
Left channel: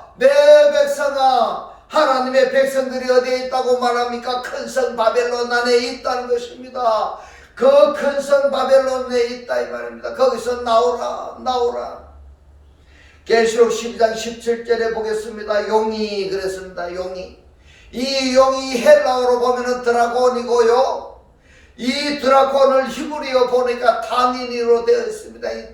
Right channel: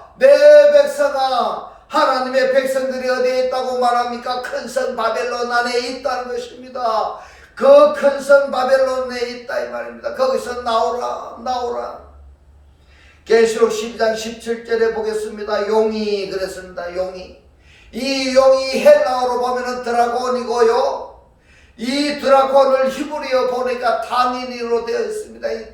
하나님의 백성들이 어디에 있다고 말합니까? 큰 성 바벨론 안에 있다는 것입니다. 그 큰 성 바벨론에 있다 이 말입니다. 거기서 나오라. 계시록 12장 17절에 보겠습니다. 용이 그랬습니다. 이 용이 헬라어로 보면은 드라곤이고요. 이 드라곤을 히브리어 보니까 타닌으로 되어 있습니다. 이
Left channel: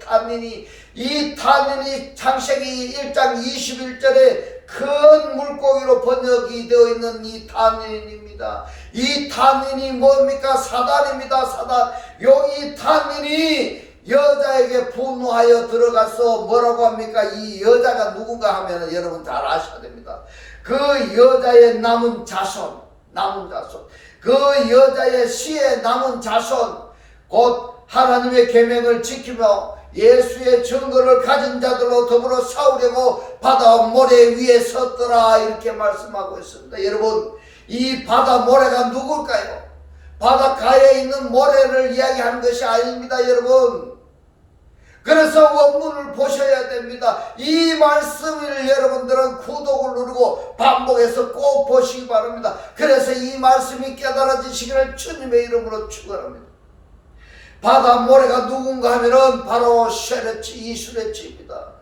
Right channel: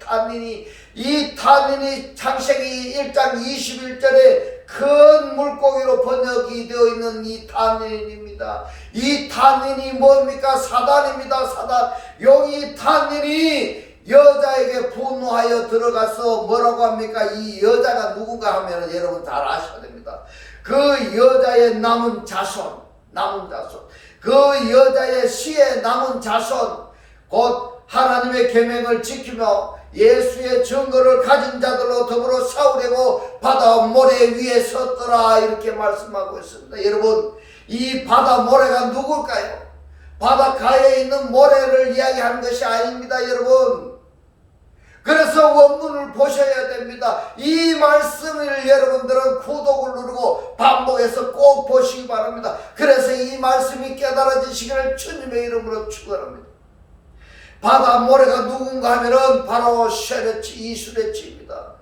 타닌이 창세기 1장 21절에 큰 물고기로 번역이 되어 있는 이 타닌입니다. 이 타닌이 뭡니까? 사단입니다. 사단. 여기 타닌이 여자에게 분노하여 들어가서 뭐라고 합니까? 이 여자가 누군가 하면 여러분 잘 아셔야 됩니다. 그 여자의 남은 자손. 그 여자의 씨의 남은 자손, 곧 하나님의 계명을 지키며 예수의 증거를 가진 자들로 더불어 싸우려고 바다 모래 위에 섰더라 이렇게 말씀하고 있습니다. 여러분, 이 바다 모래가 누굴까요? 바닷가에 있는 모래를 이야기하는 것이 아닙니다. 여러분, 그래서 원문을 보셔야 됩니다. 이 말씀을 여러분들은 구독을 누르고 반복해서 꼭 보시기 바랍니다. 그래서 이 말씀이 깨달아지시기를 주님의 이름으로 축원합니다. 바다 모래가 누군가 하면은 바로 이슈레츠입니다.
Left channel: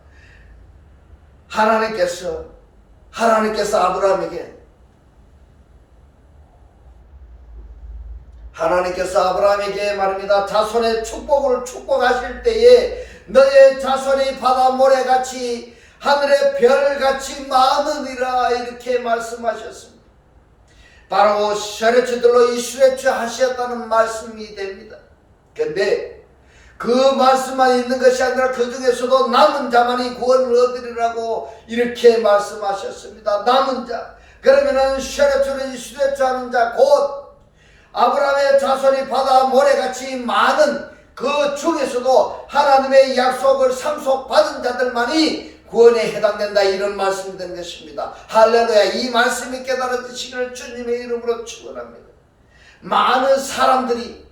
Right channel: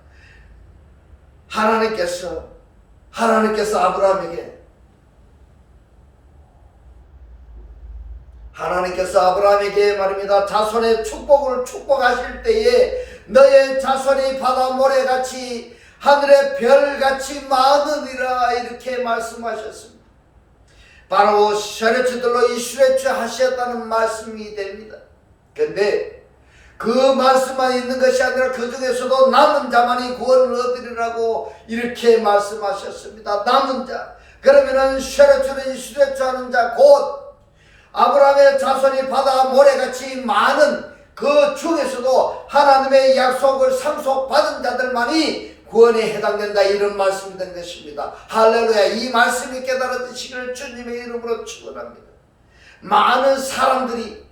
하나님께서 아브라함에게 말입니다. 자손의 축복을 축복하실 때에 너의 자손이 바다 모래같이 하늘의 별같이 많으리라 이렇게 말씀하셨습니다. 바로 슈레츠들로 이 슈레츠 하셨다는 말씀이 됩니다. 근데 그 말씀만 있는 것이 아니라 그 중에서도 남은 자만이 구원을 얻으리라고 이렇게 말씀하셨습니다. 남은 자. 그러면은 쉐레추는 이스레추 하는 자, 곧 아브라함의 자손이 바다 모래같이 많은 그 중에서도 하나님의 약속을 상속받은 자들만이 구원에 해당된다, 이런 말씀이 되는 것입니다. 할렐루야. 이 말씀이 깨달아지시기를 주님의 이름으로 축원합니다. 많은 사람들이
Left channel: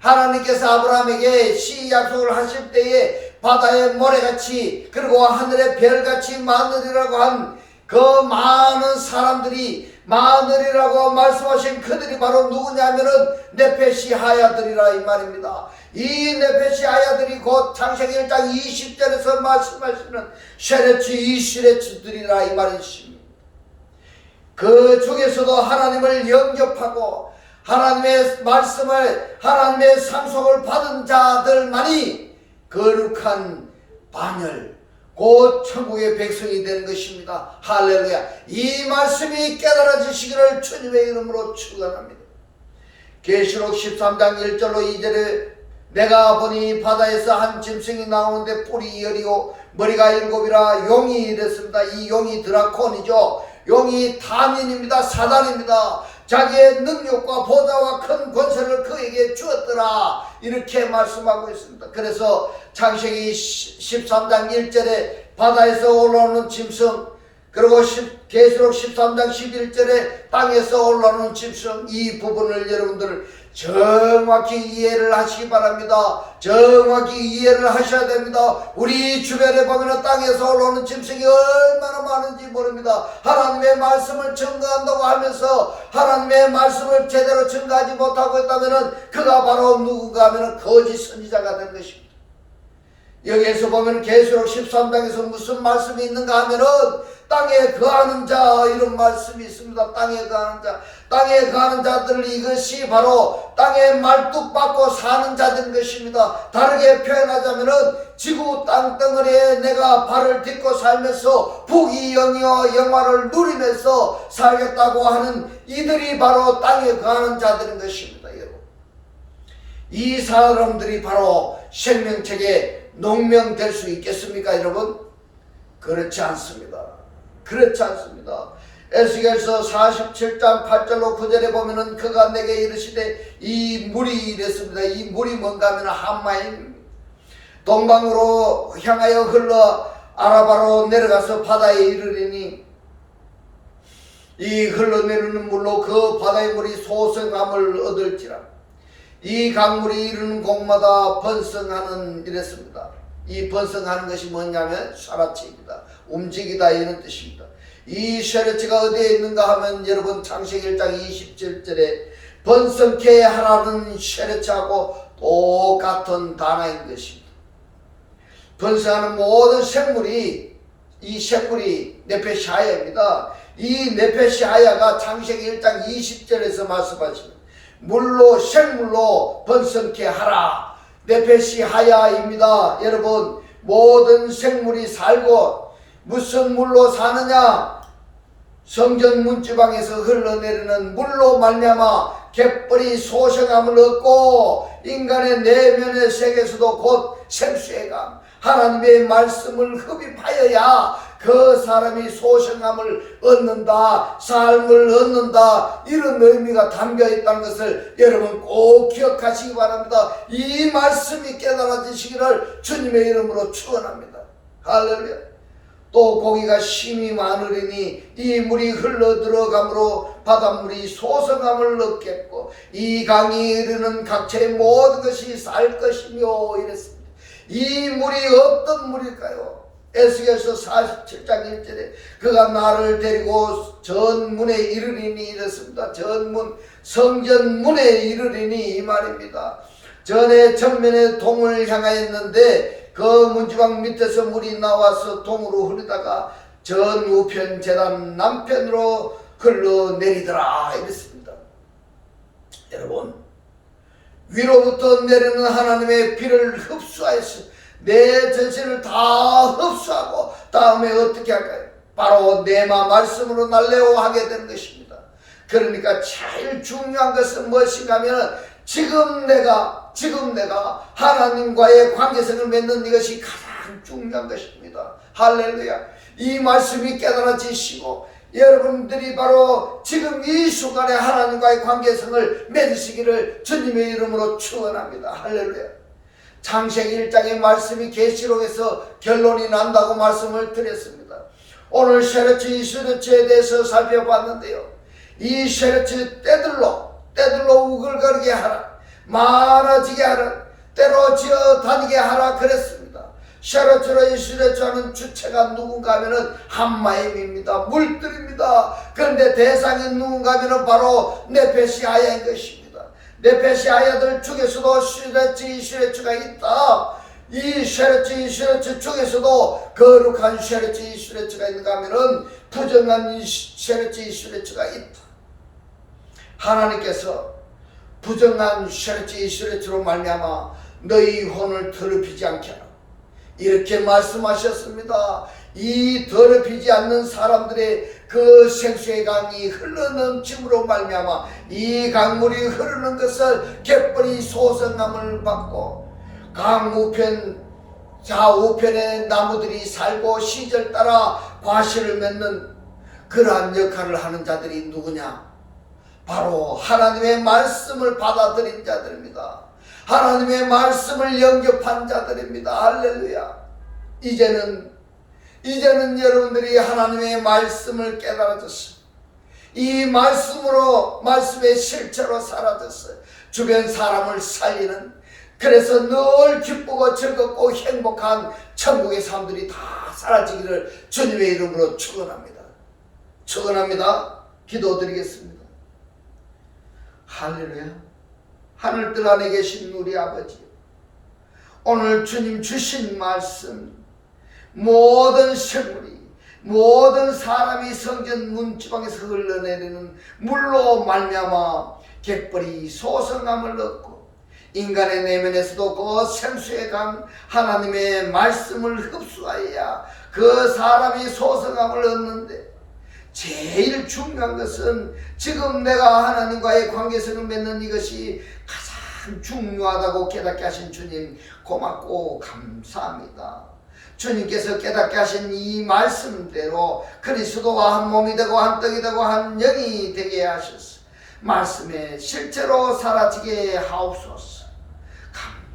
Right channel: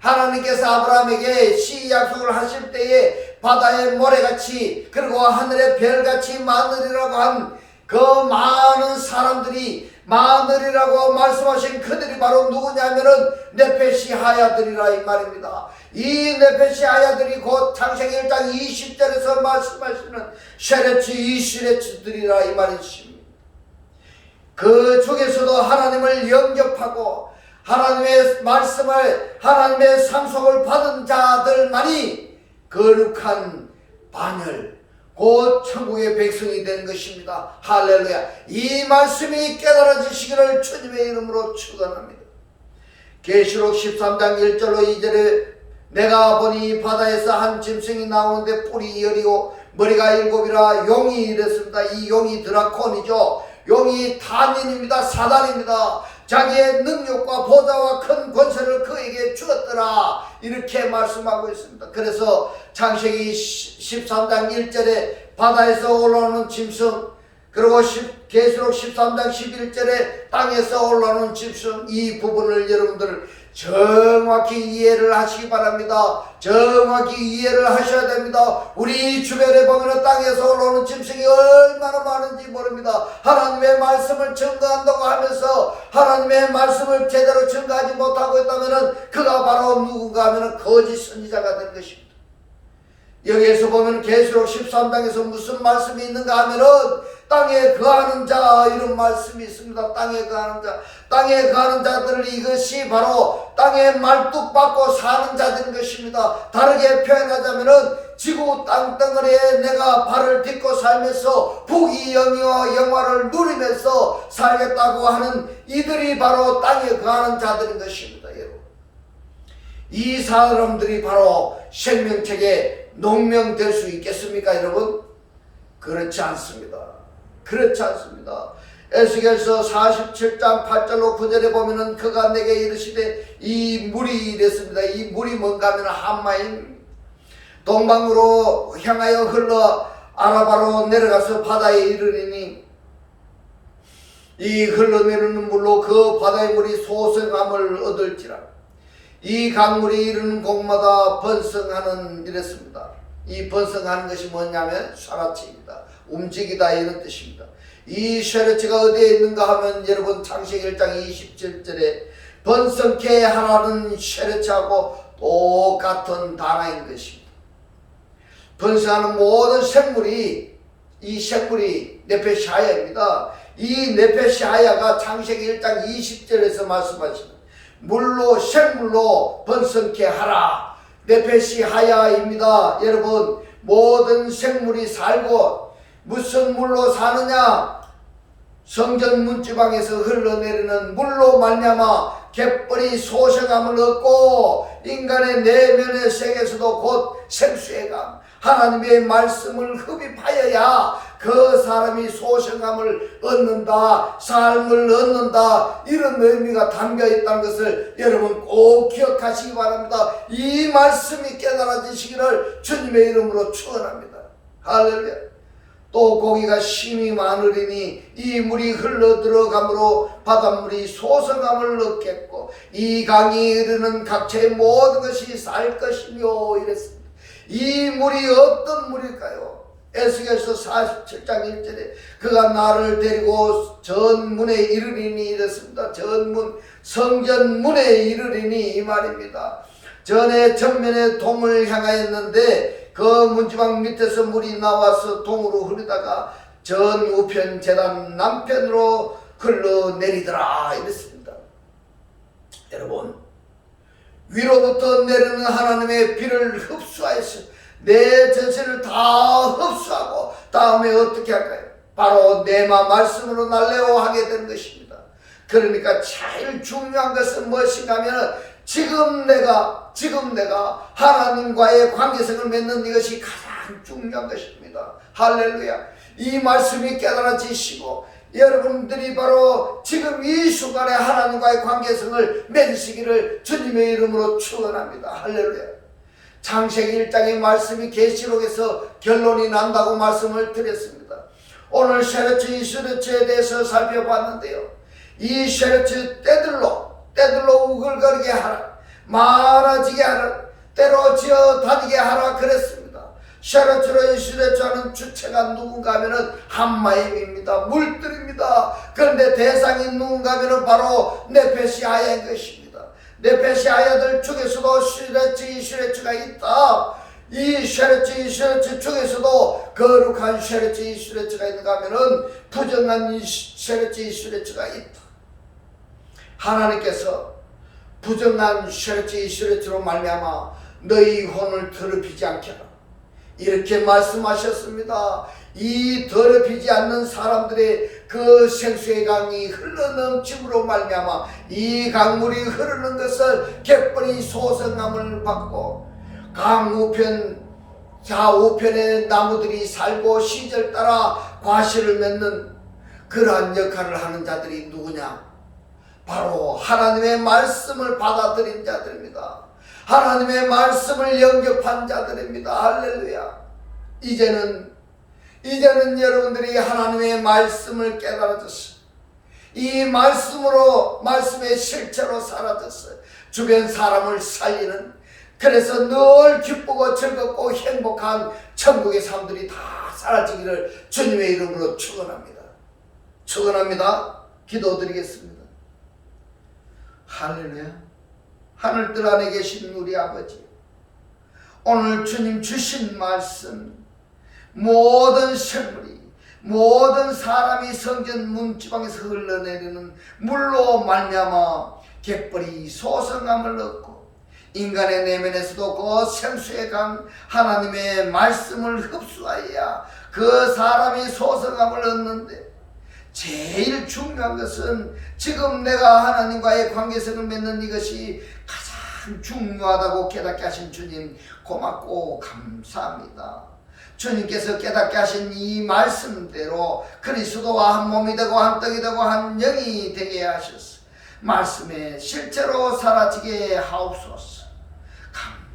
하나님께서 아브라함에게 시 약속을 하실 때에 바다의 모래같이 그리고 하늘의 별같이 많으리라고 한 그 많은 사람들이 많으리라고 말씀하신 그들이 바로 누구냐면은 네페시 하야들이라 이 말입니다. 이 네페시 하야들이 곧 창세기 1장 20절에서 말씀하시는 쉐레츠 이시레츠들이라 이 말이십니다. 그 중에서도 하나님을 영접하고 하나님의 말씀을, 하나님의 상속을 받은 자들만이 거룩한 반열, 곧 천국의 백성이 되는 것입니다. 할렐루야. 이 말씀이 깨달아지시기를 주님의 이름으로 축원합니다. 계시록 13장 1절로 2절에 내가 보니 바다에서 한 짐승이 나오는데 뿔이 열이요 머리가 7이라 용이 이랬습니다. 이 용이 드라콘이죠. 용이 탄인입니다. 사단입니다. 자기의 능력과 보좌와 큰 권세를 그에게 주었더라, 이렇게 말씀하고 있습니다. 그래서 창세기 13장 1절에 바다에서 올라오는 짐승, 그리고 계시록 13장 11절에 땅에서 올라오는 짐승, 이 부분을 여러분들 정확히 이해를 하시기 바랍니다. 정확히 이해를 하셔야 됩니다. 우리 주변에 보면 땅에서 올라오는 짐승이 얼마나 많은지 모릅니다. 하나님의 말씀을 증거한다고 하면서 하나님의 말씀을 제대로 증거하지 못하고 있다면 그가 바로 누군가 하면 거짓 선지자가 된 것입니다. 여기에서 보면 계시록 13장에서 무슨 말씀이 있는가 하면은 땅에 거하는 자, 이런 말씀이 있습니다. 땅에 거하는 자, 땅에 거하는 자들, 이것이 바로 땅에 말뚝박고 사는 자들인 것입니다. 다르게 표현하자면은 지구 땅덩어리에 내가 발을 딛고 살면서 부귀 영예와 영화를 누리면서 살겠다고 하는 이들이 바로 땅에 거하는 자들인 것입니다. 여러분, 이 사람들이 바로 생명책에 농명될 수 있겠습니까, 여러분? 그렇지 않습니다. 그렇지 않습니다. 에스겔서 47장 8절로 9절에 보면은 그가 내게 이르시되 이 물이 이랬습니다. 이 물이 뭔가 하면 한마임, 동방으로 향하여 흘러 아라바로 내려가서 바다에 이르리니 이 흘러내리는 물로 그 바다의 물이 소성함을 얻을지라. 이 강물이 이르는 곳마다 번성하는, 이랬습니다. 이 번성하는 것이 뭐냐면 샤라치입니다. 움직이다, 이런 뜻입니다. 이 샤라치가 어디에 있는가 하면 여러분 창세기 1장 27절에 번성케 하라는 샤라치하고 똑같은 단어인 것입니다. 번성하는 모든 생물이, 이 생물이 네페시하야입니다. 이 네페시하야가 창세기 1장 20절에서 말씀하시는 물로, 생물로 번성케 하라, 네페시하야입니다. 여러분, 모든 생물이 살고 무슨 물로 사느냐? 성전 문지방에서 흘러내리는 물로 말미암아 갯벌이 소생함을 얻고 인간의 내면의 세계에서도 곧 생수의 강, 하나님의 말씀을 흡입하여야 그 사람이 소생함을 얻는다, 삶을 얻는다, 이런 의미가 담겨 있다는 것을 여러분 꼭 기억하시기 바랍니다. 이 말씀이 깨달아지시기를 주님의 이름으로 축원합니다. 할렐루야. 또 고기가 심히 많으리니 이 물이 흘러 들어가므로 바닷물이 소성함을 얻겠고 이 강이 이르는 각처의 모든 것이 살 것이며, 이랬습니다. 이 물이 어떤 물일까요? 에스겔서 47장 1절에 그가 나를 데리고 전문에 이르리니, 이랬습니다. 전문, 성전문에 이르리니, 이 말입니다. 전에 전면에 동을 향하였는데 그 문지방 밑에서 물이 나와서 동으로 흐르다가 전 우편 제단 남편으로 흘러내리더라, 이랬습니다. 여러분, 위로부터 내리는 하나님의 비를 흡수하여서 내 전체를 다 흡수하고 다음에 어떻게 할까요? 바로 내마 말씀으로 날레오하게 되는 것입니다. 그러니까 제일 중요한 것은 무엇인가 하면 지금 내가 지금 내가 하나님과의 관계성을 맺는 이것이 가장 중요한 것입니다. 할렐루야. 이 말씀이 깨달아지시고 여러분들이 바로 지금 이 순간에 하나님과의 관계성을 맺으시기를 주님의 이름으로 축원합니다. 할렐루야. 창세기 1장의 말씀이 계시록에서 결론이 난다고 말씀을 드렸습니다. 오늘 쉐르츠 이스르츠에 대해서 살펴봤는데요. 이 쉐르츠 때들로 우글거리게 하라, 많아지게 하라, 때로 지어 다니게 하라 그랬습니다. 쉐르츠로 이스르츠하는 주체가 누군가 하면은 함마임입니다. 물들입니다. 그런데 대상이 누군가 하면은 바로 네페시 아야인 것입니다. 네페시 아야들 중에서도 쉐르츠 이스르츠가 있다. 이 쉐르츠 이스르츠 중에서도 거룩한 쉐르츠 이스르츠가 있는가 하면은 부정한 쉐르츠 이스르츠가 있다. 하나님께서 부정한 쉐르츠 이스르츠로 말미암아 너희 혼을 더럽히지 않게 하라 이렇게 말씀하셨습니다. 이 더럽히지 않는 사람들의 그 생수의 강이 흘러넘침으로 말미암아 이 강물이 흐르는 것을 갯벌이 소성함을 받고 강 우편 좌우편에 나무들이 살고 시절 따라 과실을 맺는 그러한 역할을 하는 자들이 누구냐? 바로 하나님의 말씀을 받아들인 자들입니다. 하나님의 말씀을 영접한 자들입니다. 할렐루야. 이제는 여러분들이 하나님의 말씀을 깨달아졌어요. 이 말씀의 실체로 살아졌어요. 주변 사람을 살리는, 그래서 늘 기쁘고 즐겁고 행복한 천국의 삶들이 다 사라지기를 주님의 이름으로 축원합니다. 축원합니다. 기도드리겠습니다. 할렐루야. 하늘들 안에 계신 우리 아버지, 오늘 주님 주신 말씀, 모든 생물이, 모든 사람이 성전 문지방에서 흘러내리는 물로 말미암아 갯벌이 소성함을 얻고 인간의 내면에서도 그 생수의 강 하나님의 말씀을 흡수하여야 그 사람이 소성함을 얻는데, 제일 중요한 것은 지금 내가 하나님과의 관계성을 맺는 이것이 가장 중요하다고 깨닫게 하신 주님 고맙고 감사합니다. 주님께서 깨닫게 하신 이 말씀대로 그리스도와 한 몸이 되고 한 떡이 되고 한 영이 되게 하셨어. 말씀에 실제로 사라지게 하옵소서.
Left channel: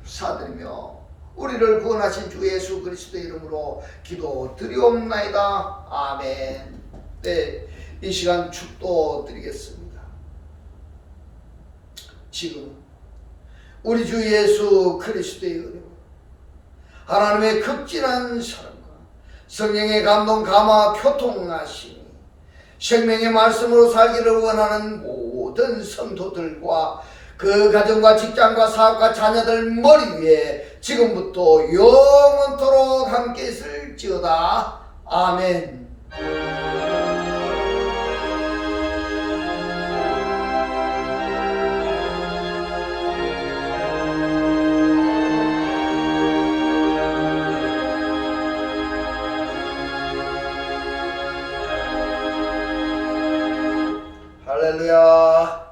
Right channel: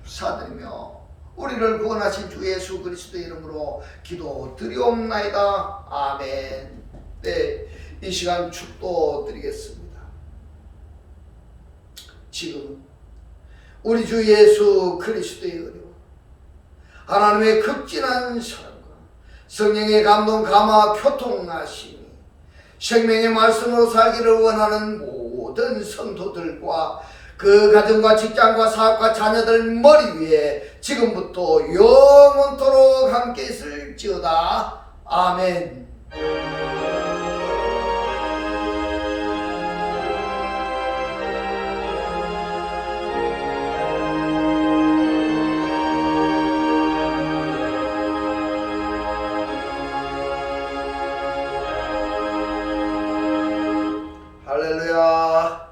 감사드리며 우리를 구원하신 주 예수 그리스도의 이름으로 기도드리옵나이다. 아멘. 네, 이 시간 축도 드리겠습니다. 지금은 우리 주 예수 그리스도의 은혜와 하나님의 극진한 사랑과 성령의 감동 감화 교통하심이 생명의 말씀으로 살기를 원하는 모든 성도들과 그 가정과 직장과 사업과 자녀들 머리 위에 지금부터 영원토록 함께 있을지어다. 아멘. 할렐루야.